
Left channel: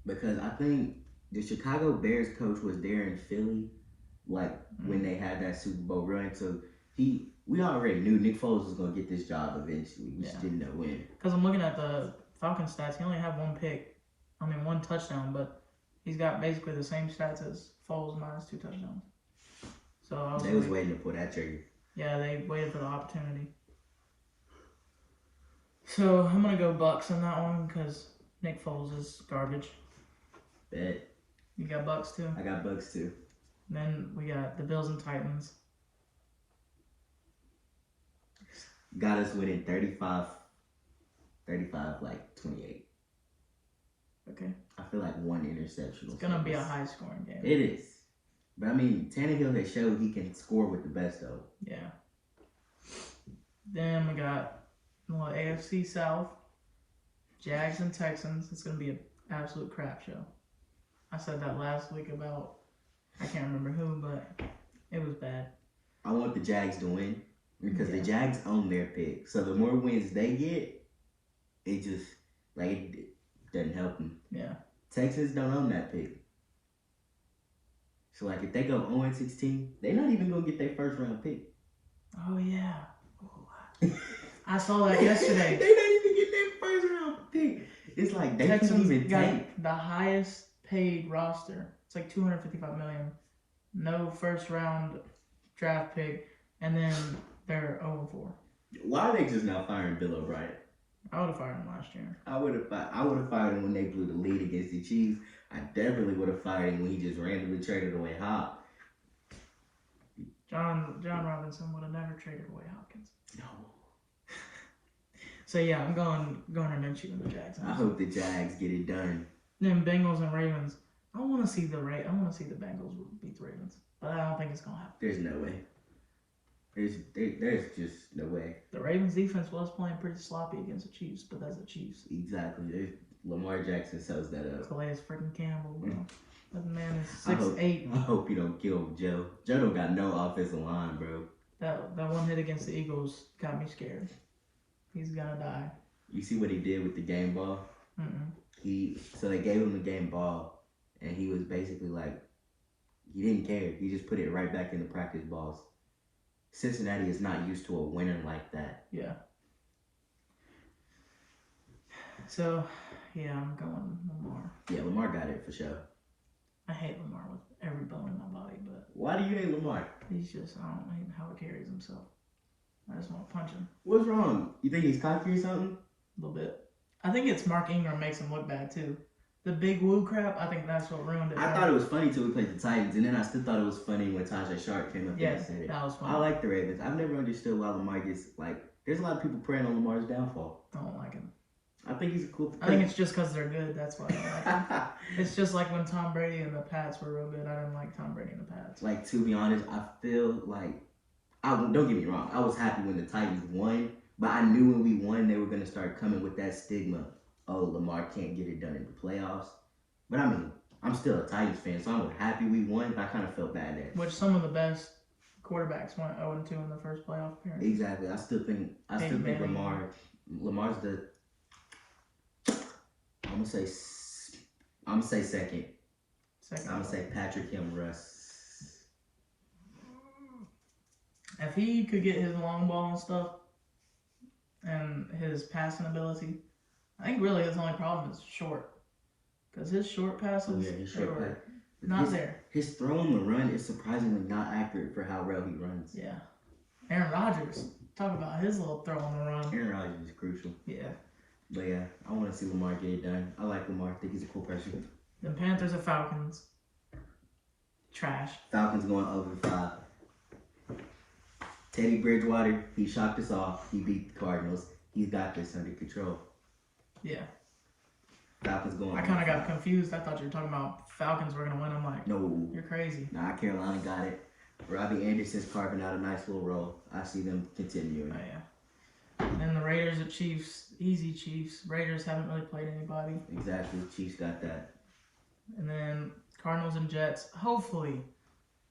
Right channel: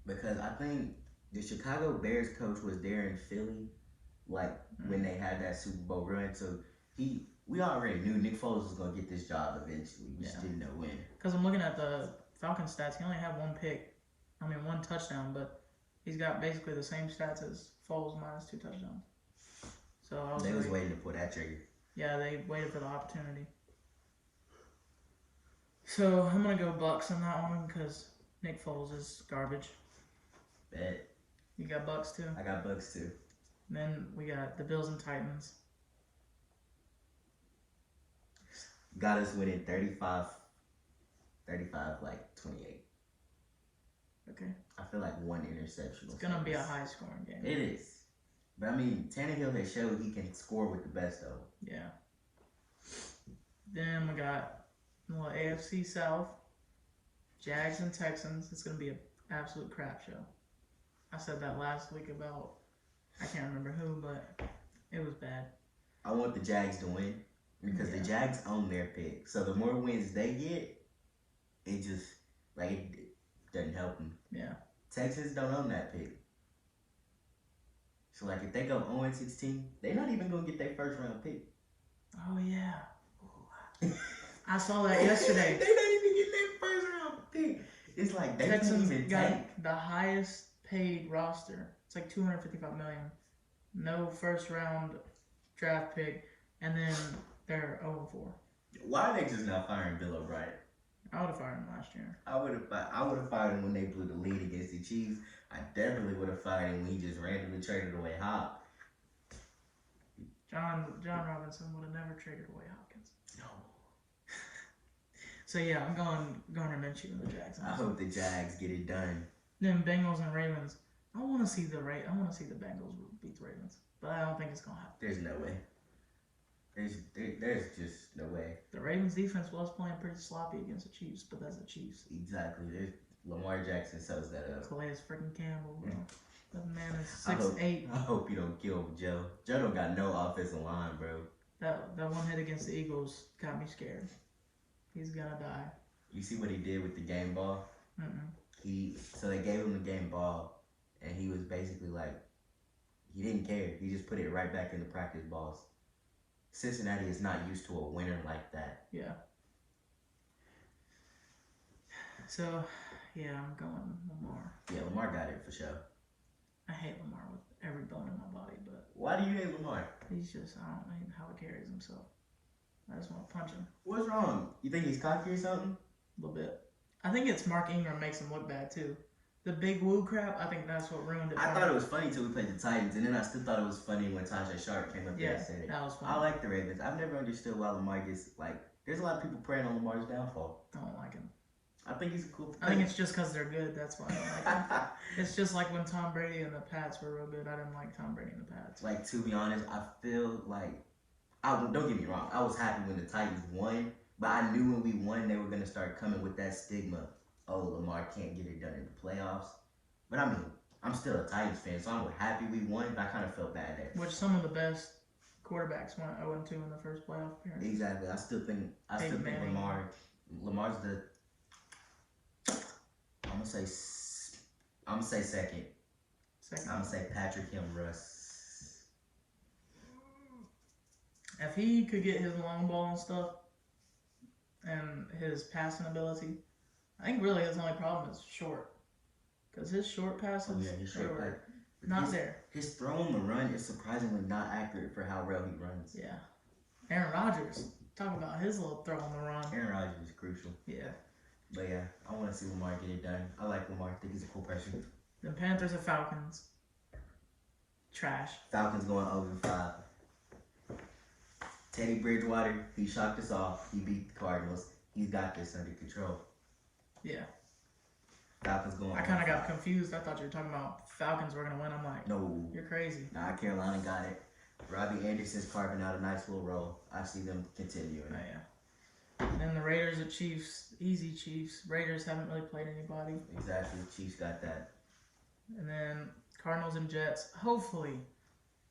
Because I think the Chicago Bears coach was there in Philly, like when they had that Super Bowl run. So we already knew Nick Foles was gonna get this job eventually. We just didn't know when. Because I'm looking at the Falcons stats. He only had 1 pick. I mean, 1 touchdown, but he's got basically the same stats as Foles minus 2 touchdowns. So They was waiting to pull that trigger. Yeah, they waited for the opportunity. So I'm gonna go Bucks on that one because Nick Foles is garbage. Bet. You got Bucks too. I got Bucks too. Then we got the Bills and Titans. Got us winning 35 like 28. Okay. I feel like 1 interception. It's gonna be a high scoring game. It is. But I mean, Tannehill has showed he can score with the best of. Yeah. Then we got AFC South, Jags and Texans. It's gonna be an absolute crap show. I said that last week about I can't remember who, but it was bad. I want the Jags to win because the Jags own their pick. So the more wins they get, it just it doesn't help them. Yeah. Texans don't own that pick. So if they go 0-16, they're not even gonna get their first round pick. Oh yeah. Oh, I saw that yesterday. They don't even get their first round pick. It's like they Texans can't even got tank. the highest paid roster. It's like $255 million. No first round draft pick, and then they're 0-4. Why are they just not firing Bill O'Brien? I would have fired him last year. I would have fired him when they blew the lead against the Chiefs. I definitely would have fired him when he just randomly traded away Hop. John Robinson would have never traded away Hopkins. No. So yeah, I'm going to mention the Jags. I hope the Jags get it done. Then Bengals and Ravens. I want to see the Bengals beat the Ravens, but I don't think it's gonna happen. There's no way. There's just no way. The Ravens defense was playing pretty sloppy against the Chiefs, but that's the Chiefs. Exactly. Lamar Jackson sells that up. Calais freaking Campbell, bro. That man is I hope, 6'8". I hope you don't kill Joe. Joe don't got no offensive line, bro. That one hit against the Eagles got me scared. He's gonna die. You see what he did with the game ball? So they gave him the game ball, and he was basically like, he didn't care. He just put it right back in the practice balls. Cincinnati is not used to a winner like that. Yeah. So, yeah, I'm going Lamar. Yeah, Lamar got it for sure. I hate Lamar with every bone in my body, but Why do you hate Lamar? he's just, I don't hate how he carries himself. I just want to punch him What's wrong? You think he's cocky or something? a little bit. I think it's Mark Ingram makes him look bad, too. The big woo crap, I think that's what ruined it. I thought it was funny till we played the Titans, and then I still thought it was funny when Tajay Shark came up there and said it. that was funny. I like the Ravens. I've never understood why Lamar gets, like, there's a lot of people praying on Lamar's downfall. I don't like him. I think he's a cool I think it's just because they're good. That's why I don't like them. It's just like when Tom Brady and the Pats were real good. I didn't like Tom Brady and the Pats. Like, to be honest, I feel like, don't get me wrong, I was happy when the Titans won, but I knew when we won they were going to start coming with that stigma. Oh, Lamar can't get it done in the playoffs. But I mean, I'm still a Titans fan, so I'm happy we won, but I kind of felt bad that. Which some of the best quarterbacks went 0-2 in the first playoff appearance. Exactly. I still think Lamar's the. I'm gonna say second. I'm gonna say Patrick Kim Russ. If he could get his long ball and stuff, and his passing ability, I think really his only problem is short. Because his short passes, his short pass. Not there. His throw on the run is surprisingly not accurate for how well he runs. Yeah. Aaron Rodgers. Talk about his little throw on the run. Aaron Rodgers is crucial. Yeah. But yeah, I want to see Lamar get it done. I like Lamar. I think he's a cool person. The Panthers and Falcons. Trash. Falcons going over 5. Teddy Bridgewater, he shocked us all. He beat the Cardinals. He's got this under control. Yeah. Falcons going I kind of got confused. I thought you were talking about Falcons were going to win. I'm like, no. You're crazy. Nah, Carolina got it. Robbie Anderson's carving out a nice little role. I see them continuing. Oh, yeah. And then the Raiders and Chiefs. Easy Chiefs. Raiders haven't really played anybody. Exactly. Chiefs got that. And then Cardinals and Jets. Hopefully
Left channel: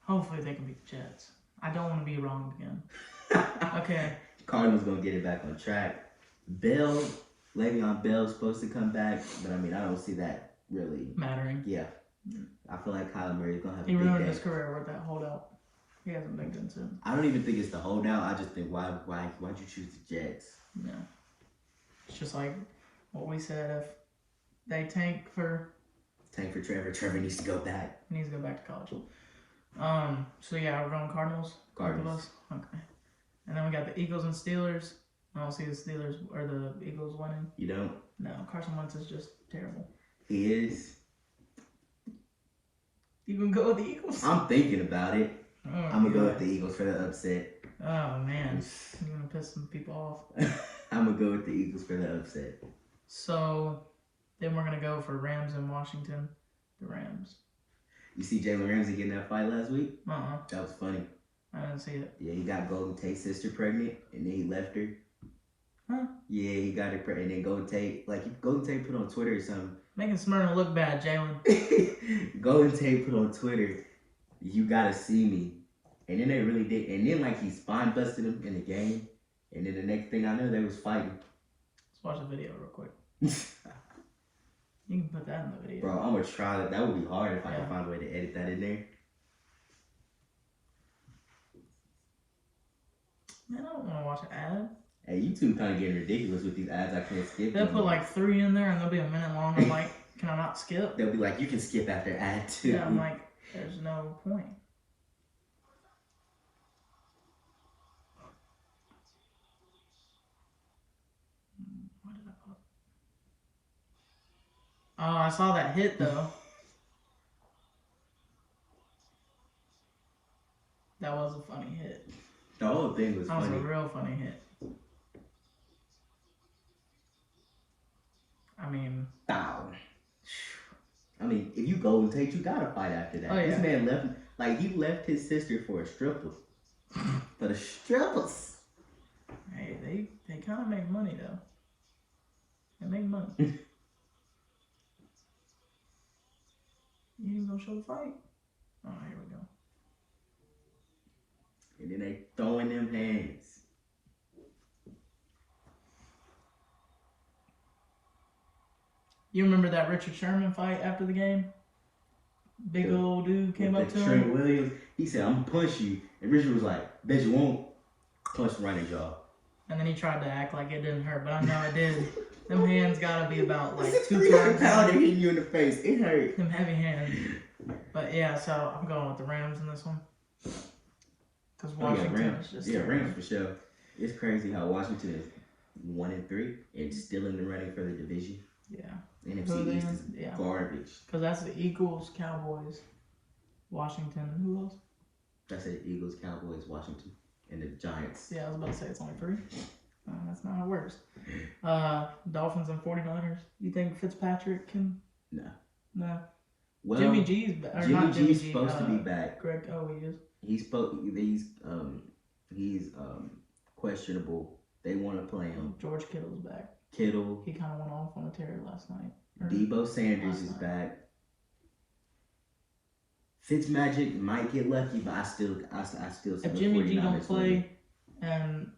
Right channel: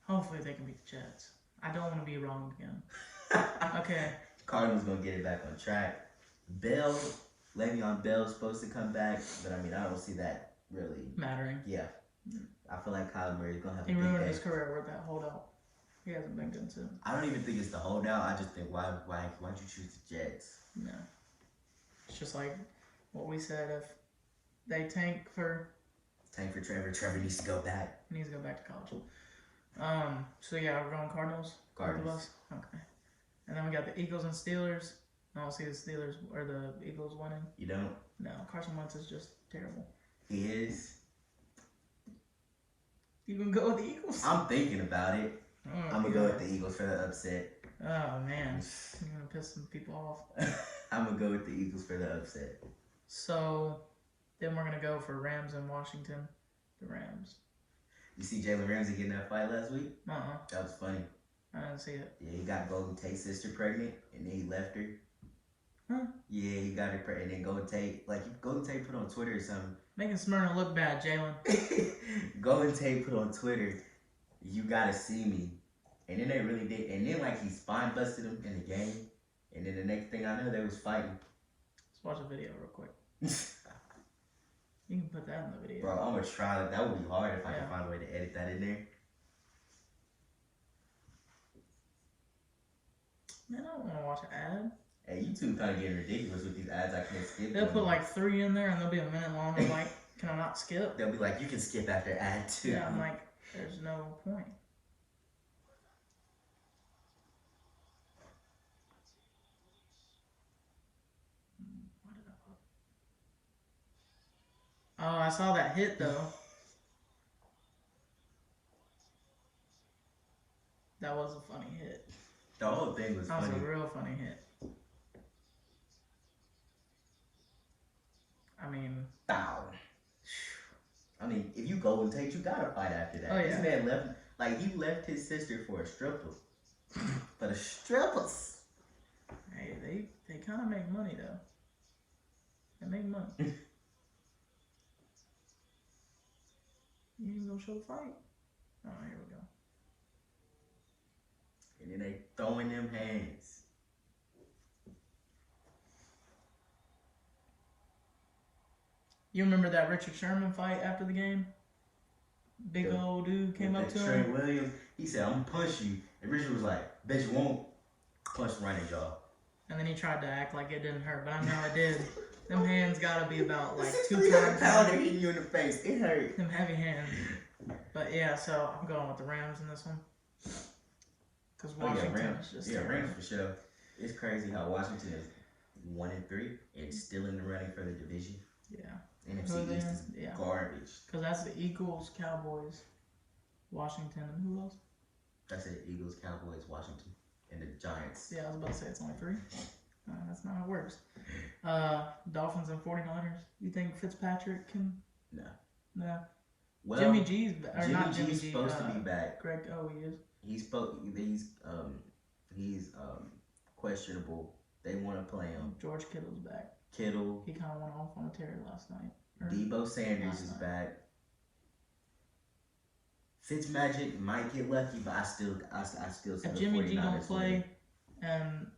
they can beat the Jets. I don't want to be wrong again. Okay. Cardinals going to get it back on track. Le'Veon Bell's supposed to come back, but I mean, I don't see that really mattering. Yeah. I feel like Kyler Murray's going to have a big day. He ruined his career with that holdout. He hasn't been good since. I don't even think it's the holdout. I just think, why'd you choose the Jets? Yeah. It's just like what we said. If they tank for Trevor needs to go back. He needs to go back to college. So yeah, we're going Cardinals. Cardinals. Okay. And then we got the Eagles and Steelers. I don't see the Steelers or the Eagles winning. You don't? No, Carson Wentz is just terrible. He is. You gonna go with the Eagles? I'm thinking about it. Oh, I'm gonna go with the Eagles for the upset. Oh man, you're gonna piss some people off. I'm gonna go with the Eagles for the upset. So then we're gonna go for Rams in Washington. The Rams. You see Jalen Ramsey getting that fight last week? That was funny. I didn't see it. Yeah, he got Golden Tate's sister pregnant, and then he left her. Huh? Yeah, he got her pregnant, and then Golden Tate put on Twitter or something. Making Smyrna look bad, Jalen. Golden Tate put on Twitter, "You gotta see me," and then they really did. And then he spine busted him in the game, and then the next thing I know, they was fighting. Let's watch the video real quick. You can put that in the video. Bro, I'm gonna try that. That would be hard if I could find a way to edit that in there. Man, I don't want to watch an ad. Hey, YouTube kind of getting ridiculous with these ads. I can't skip. They'll put like 3 in there and they'll be a minute long. I'm like, can I not skip? They'll be like, you can skip after ad 2. Yeah, I'm like, there's no point. What did I put? Oh, I saw that hit though. That was a funny hit. The whole thing was funny. That was a real funny hit. I mean, if you Golden Tate, you gotta fight after that. Oh, yeah. This man left his sister for a stripper. For the strippers. Hey, they kind of make money though. They make money. don't show the fight. Oh, here we go. And then they throwing them hands. You remember that Richard Sherman fight after the game? Big old dude came up to Trent him. Williams. He said, "I'm gonna punch you," and Richard was like, "Bet you won't." Punch him right in the jaw. And then he tried to act like it didn't hurt, but I know it did. Them hands gotta be about like 2 pounds. pounds. Hitting you in the face. It hurt. Them heavy hands. But yeah, so I'm going with the Rams in this one. Because Washington is just Rams for sure. It's crazy how Washington is 1-3 and still in the running for the division. Yeah. NFC East is garbage. Because that's the Eagles, Cowboys, Washington, and who else? That's it. Eagles, Cowboys, Washington, and the Giants. Yeah, I was about to say it's only 3. That's not how it works. Dolphins and 49ers. You think Fitzpatrick can? No. No. Well, Jimmy G's supposed to be back. Greg, he is. He's questionable. They want to play him. George Kittle's back. Kittle. He kind of went off on a tear last night. Debo Sanders is back. Fitzmagic might get lucky, but I still see if the Jimmy G 49ers don't play winning. and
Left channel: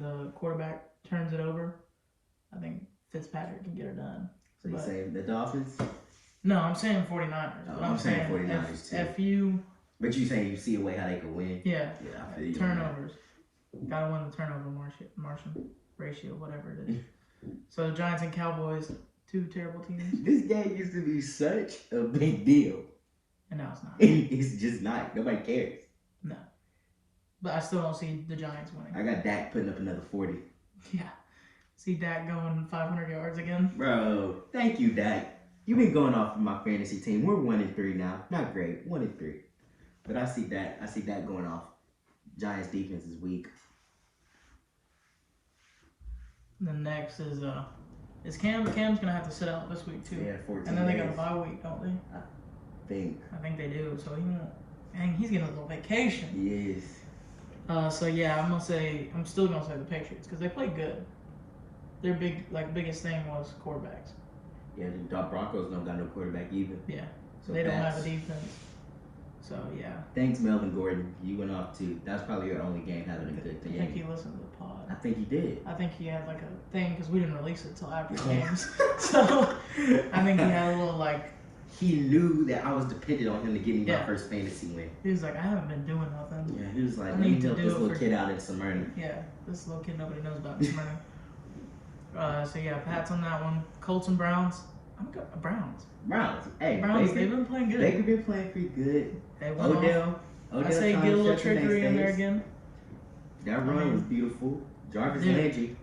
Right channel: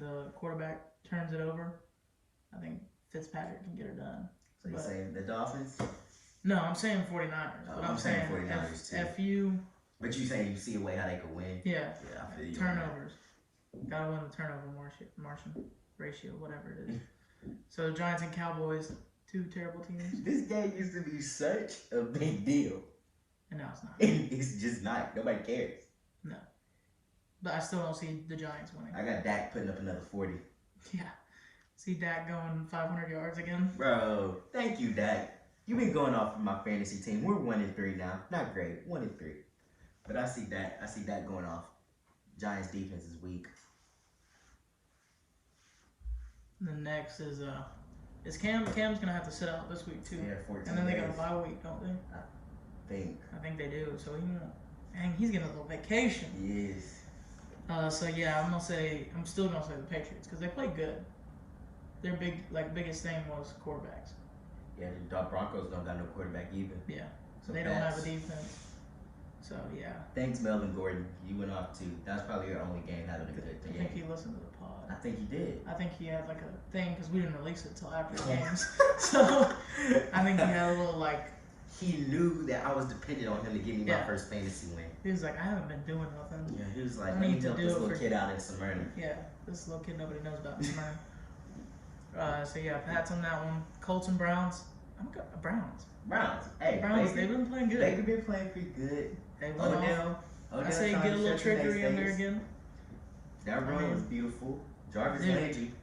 the quarterback turns it over, I think Fitzpatrick can get it done. So you saying the Dolphins? No, I'm saying 49ers. No, But I'm saying 49ers too. If you... But you saying you see a way how they can win? Yeah. Yeah, I feel you. Turnovers. Gotta win the turnover margin ratio, whatever it is. So the Giants and Cowboys, 2 terrible teams. This game used to be such a big deal. And now it's not. It's just not. Nobody cares. No. But I still don't see the Giants winning. I got Dak putting up another 40. Yeah. See Dak going 500 yards again. Bro, thank you, Dak. You've been going off of my fantasy team. We're 1-3 now. Not great. 1-3. But I see Dak going off. Giants defense is weak. And then next is Cam. Cam's gonna have to sit out this week too. Yeah, 14 And then they days. got a bye week, don't they? I think they do. So he won't. And he's getting a little vacation. He is. So yeah, I'm still gonna say the Patriots because they play good. Their biggest thing was quarterbacks. Yeah, the Broncos don't got no quarterback either. Yeah. So they don't have a defense. So yeah. Thanks, Melvin Gordon. You went off too. That's probably your only game having a good I game. think he listened to the pod. I think he did. I think he had like a thing because we didn't release it till after the games. So I think he had a little like. He knew that I was dependent on him to give me my Yeah. first fantasy win. He was like, I haven't been doing nothing. Yeah, he was like, I let me need to help do this it little for- kid out in Smyrna. Yeah, this little kid nobody knows about this morning. So yeah, Pat's on that one. Colts and Browns. I'm good. Browns. Hey, Browns. Baker, They've been playing good. Baker been playing pretty good. They went off. Odell I say trying get a to little shut them trickery in there days. again. That run was beautiful. Jarvis Dude. Landry.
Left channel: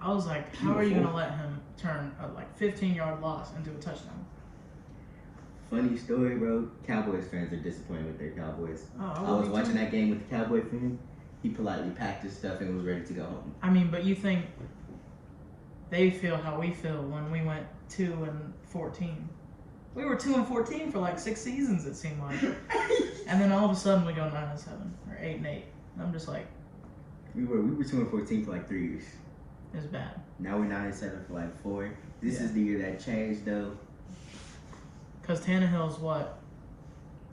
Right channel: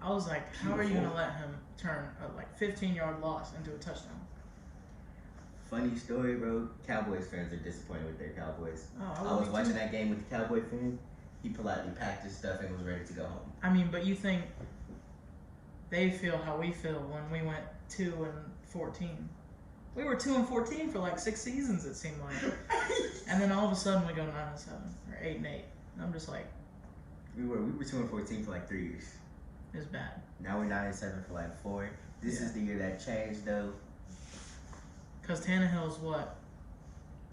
I was like, how are you gonna let him turn a 15-yard loss into a touchdown? Funny story, bro. Cowboys fans are disappointed with their Cowboys. Oh, I was me watching too. that game with the Cowboy fan. He politely packed his stuff and was ready to go home. I mean, but you think they feel how we feel when we went 2-14? We were 2-14 for like 6 seasons, it seemed like, and then all of a sudden we go 9-7 or 8-8. And I'm just like, We were 2-14 for like 3 years. it's bad. Now we're 9-7 for like 4. This Yeah. is the year that changed though. Because Tannehill's what,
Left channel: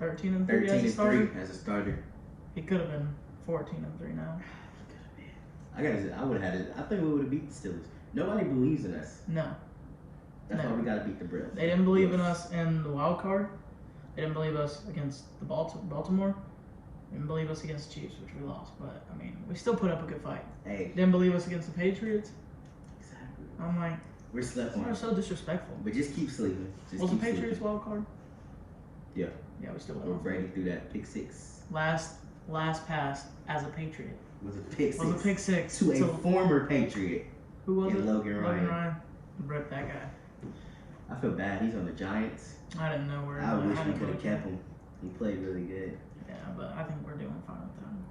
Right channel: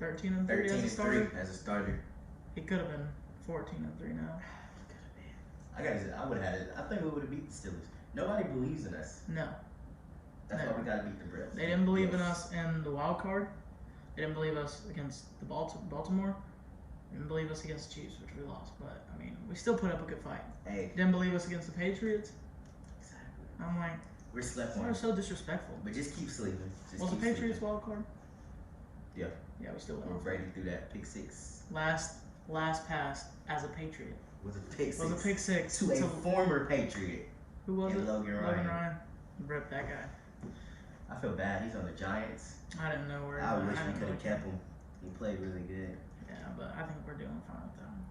13-3 as a starter? 13-3 as a starter. He could have been 14-3 now. I would have had it. I think we would have beat the Steelers. Nobody believes in us. No, That's No. why we got to beat the Bills. they didn't believe in us in the wild card. They didn't believe us against the Baltimore. They didn't believe us against the Chiefs, which we lost. But I mean, we still put up a good fight. Hey, Didn't believe us against the Patriots. exactly. I'm like, We're slept they're on. so disrespectful. But just keep sleeping. Just Was the keep Patriots sleeping. wild card? Yeah. Yeah, we still Where won. Brady threw that pick 6. Last pass as a Patriot. Was a pick 6. Was a pick 6 To a former Patriot. who was and it? Logan Ryan. Rip that guy. I feel bad. He's on the Giants. I didn't know where. I wish we didn't could have really kept him. He played really good. Yeah, but I think we're doing fine with them.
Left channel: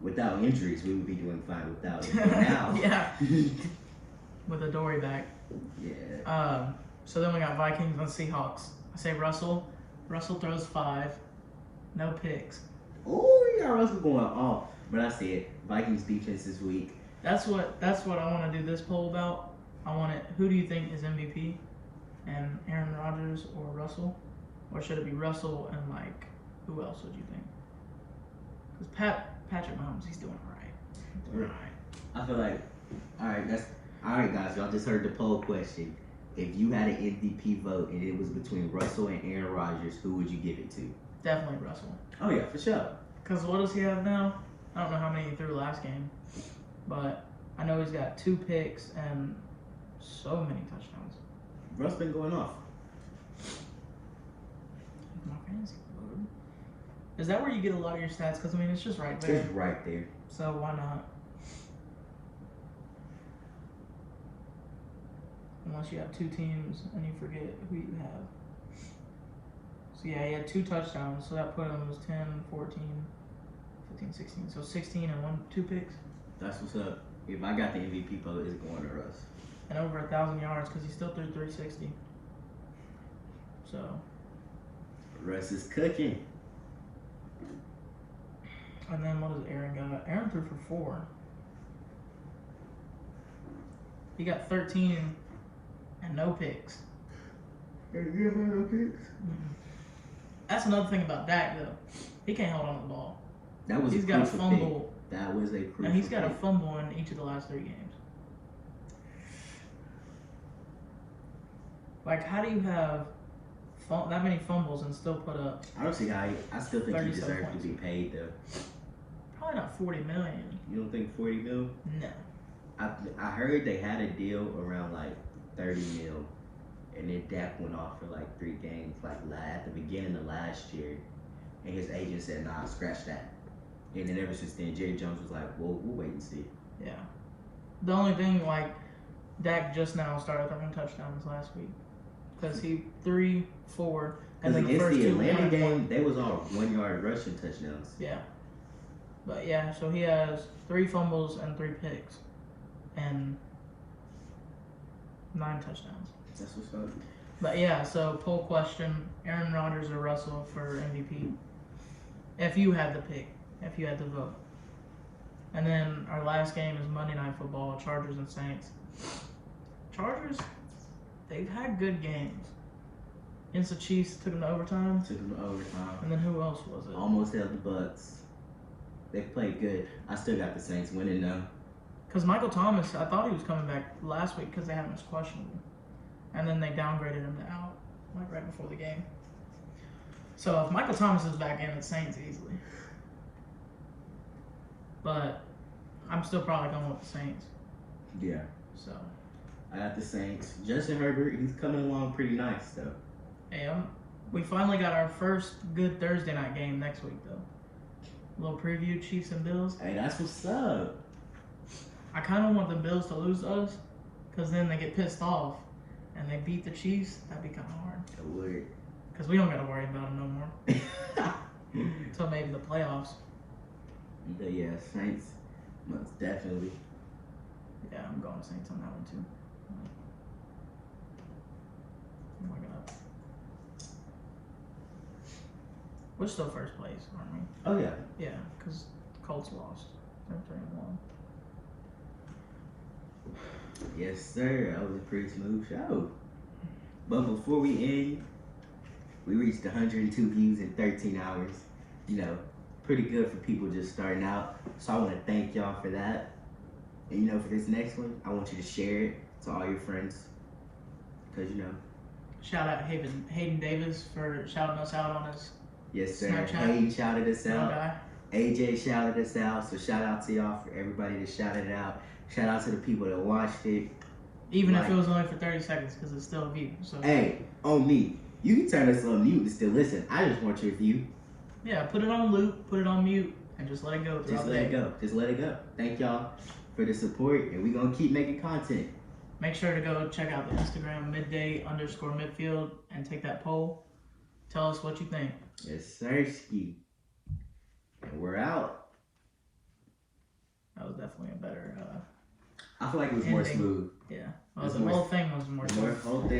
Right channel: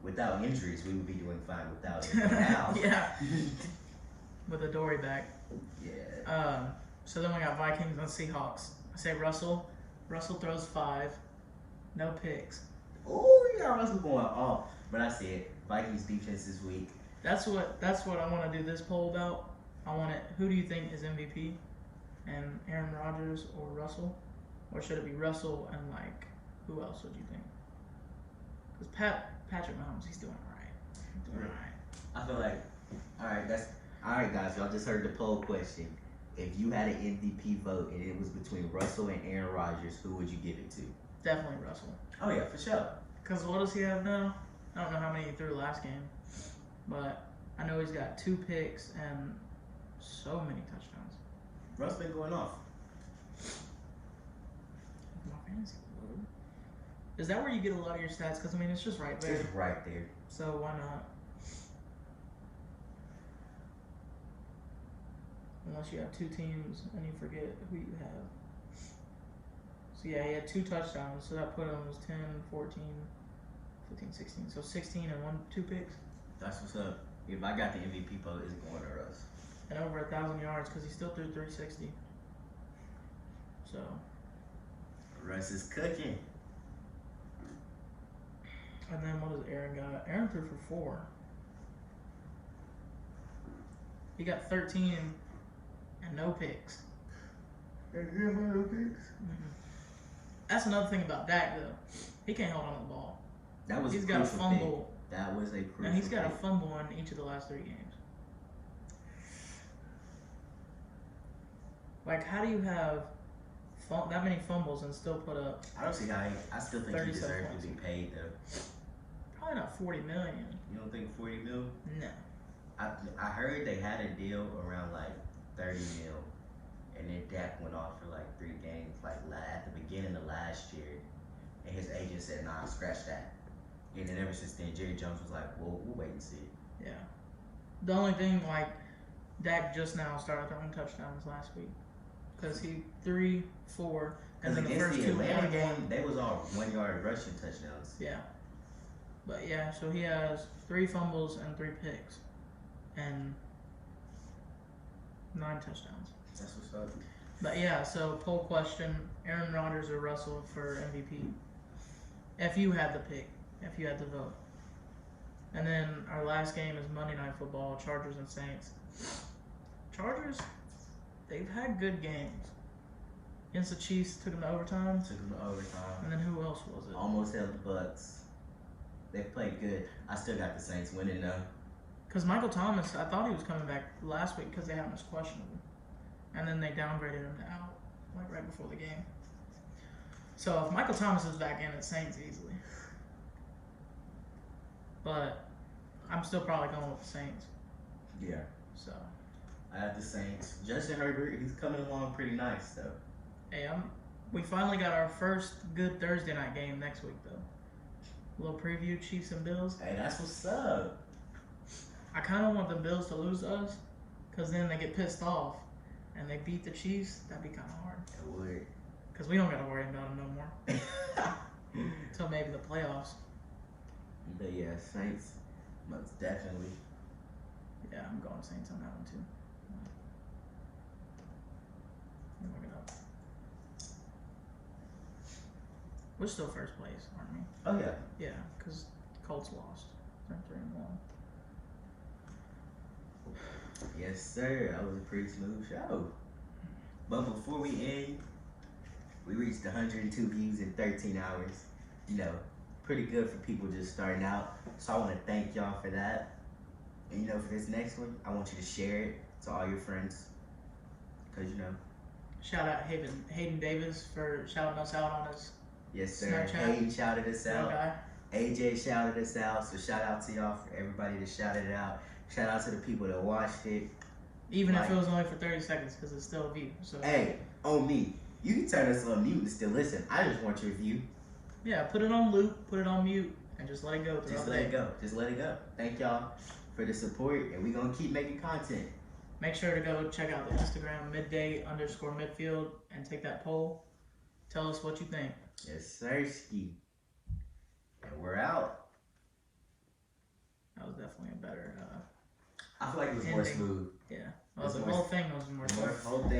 Without injuries, we would be doing fine without him. But now, Yeah. With a Dory back. yeah. So then we got Vikings and Seahawks. I say Russell. Russell throws 5. No picks. Oh, we got Russell going off. But I said Vikings defense is weak. That's what I want to do this poll about. I want it. Who do you think is MVP? And Aaron Rodgers or Russell? Or should it be Russell and like who else would you think? Because Patrick Mahomes, he's doing alright. I feel like, alright, guys. Y'all just heard the poll question. If you had an MVP vote and it was between Russell and Aaron Rodgers, who would you give it to? Definitely Russell. Oh yeah, for sure. Because what does he have now? I don't know how many he threw last game, but I know he's got 2 picks and so many touchdowns. Russ been going off. My fantasy board. Is that where you get a lot of your stats? Because I mean, it's just right there. It's right there. So why not? Unless you have 2 teams and you forget who you have. So yeah, he had 2 touchdowns, so that put him as 10, 14, 15, 16. So 16 and 2 picks. That's what's up. If I got the MVP vote, it's going to Russ. And over 1,000 yards because he still threw 360. So Russ is cooking. and then what does Aaron got? Aaron threw for 4. He got 13 and no picks. Hey, you have no picks? That's another thing about Dak though. He can't hold on to the ball. That was He's a got a crucial fumble. pick. That was a crucial And he's got a pick. fumble in each of the last 3 games. Like, how do you have that many fumbles and still put up? I don't see how I still think he 37 deserves to points. be paid though. Probably not 40 million. You don't think 40 mil? No. I heard they had a deal around like 30 mil, and then Dak went off for like 3 games, like at the beginning of last year, and his agent said, "Nah, scratch that." And then ever since then, Jerry Jones was like, "Well, we'll wait and see." Yeah. The only thing, like, Dak just now started throwing touchdowns last week. Because he 3, 4, and Because then the against first the 2 Atlanta won. game, they was all 1-yard rushing touchdowns. Yeah. But yeah, so he has 3 fumbles and 3 picks. And 9 touchdowns. That's what's up. But yeah, so poll question, Aaron Rodgers or Russell for MVP? If you had the pick, if you had the vote. And then our last game is Monday Night Football, Chargers and Saints. Chargers, they've had good games. Against the Chiefs, took them to overtime. Took them to overtime. And then who else was it? Almost held the Bucks. They played good. I still got the Saints winning though. Because Michael Thomas, I thought he was coming back last week because they had him as questionable. And then they downgraded him to out, like right before the game. So if Michael Thomas is back in, it's Saints easily. But I'm still probably going with the Saints. Yeah. So, I got the Saints. Justin Herbert, he's coming along pretty nice though. hey, we finally got our first good Thursday night game next week, though. A little preview, Chiefs and Bills. Hey, that's what's up. I kind of want the Bills to lose to us, because then they get pissed off, and they beat the Chiefs. That'd be kind of hard. It would. Because we don't got to worry about them no more. Until maybe the playoffs. But yeah, Saints, most definitely. Yeah, I'm going Saints on that one, too. Oh my God. We're still first place, aren't we? Oh yeah. Yeah, because Colts lost. They're 3-1. Yes, sir. That was a pretty smooth show. But before we end, we reached 102 views in 13 hours. You know, pretty good for people just starting out. So I want to thank y'all for that. And you know, for this next one, I want you to share it to all your friends. Because, you know. Shout out Hayden Davis for shouting us out on his Yes, sir. Snapchat. Hayden shouted us little out. guy. AJ shouted us out. So shout out to y'all for everybody that shouted it out. Shout out to the people that watched it. Even Like- if it was only for 30 seconds, because it's still a view. So Hey, on me. You can turn us on mute and still listen. I just want your view. yeah, put it on loop, put it on mute, and just let it go. Just throughout the let it day. go. Just let it go. Thank y'all for the support, and we're going to keep making content. Make sure to go check out the Instagram midday_midfield and take that poll. Tell us what you think. Yes, sir, ski. And we're out. That was definitely a better. I feel like it was more Ending. smooth. Yeah. It's The more- whole thing was more. The more whole thing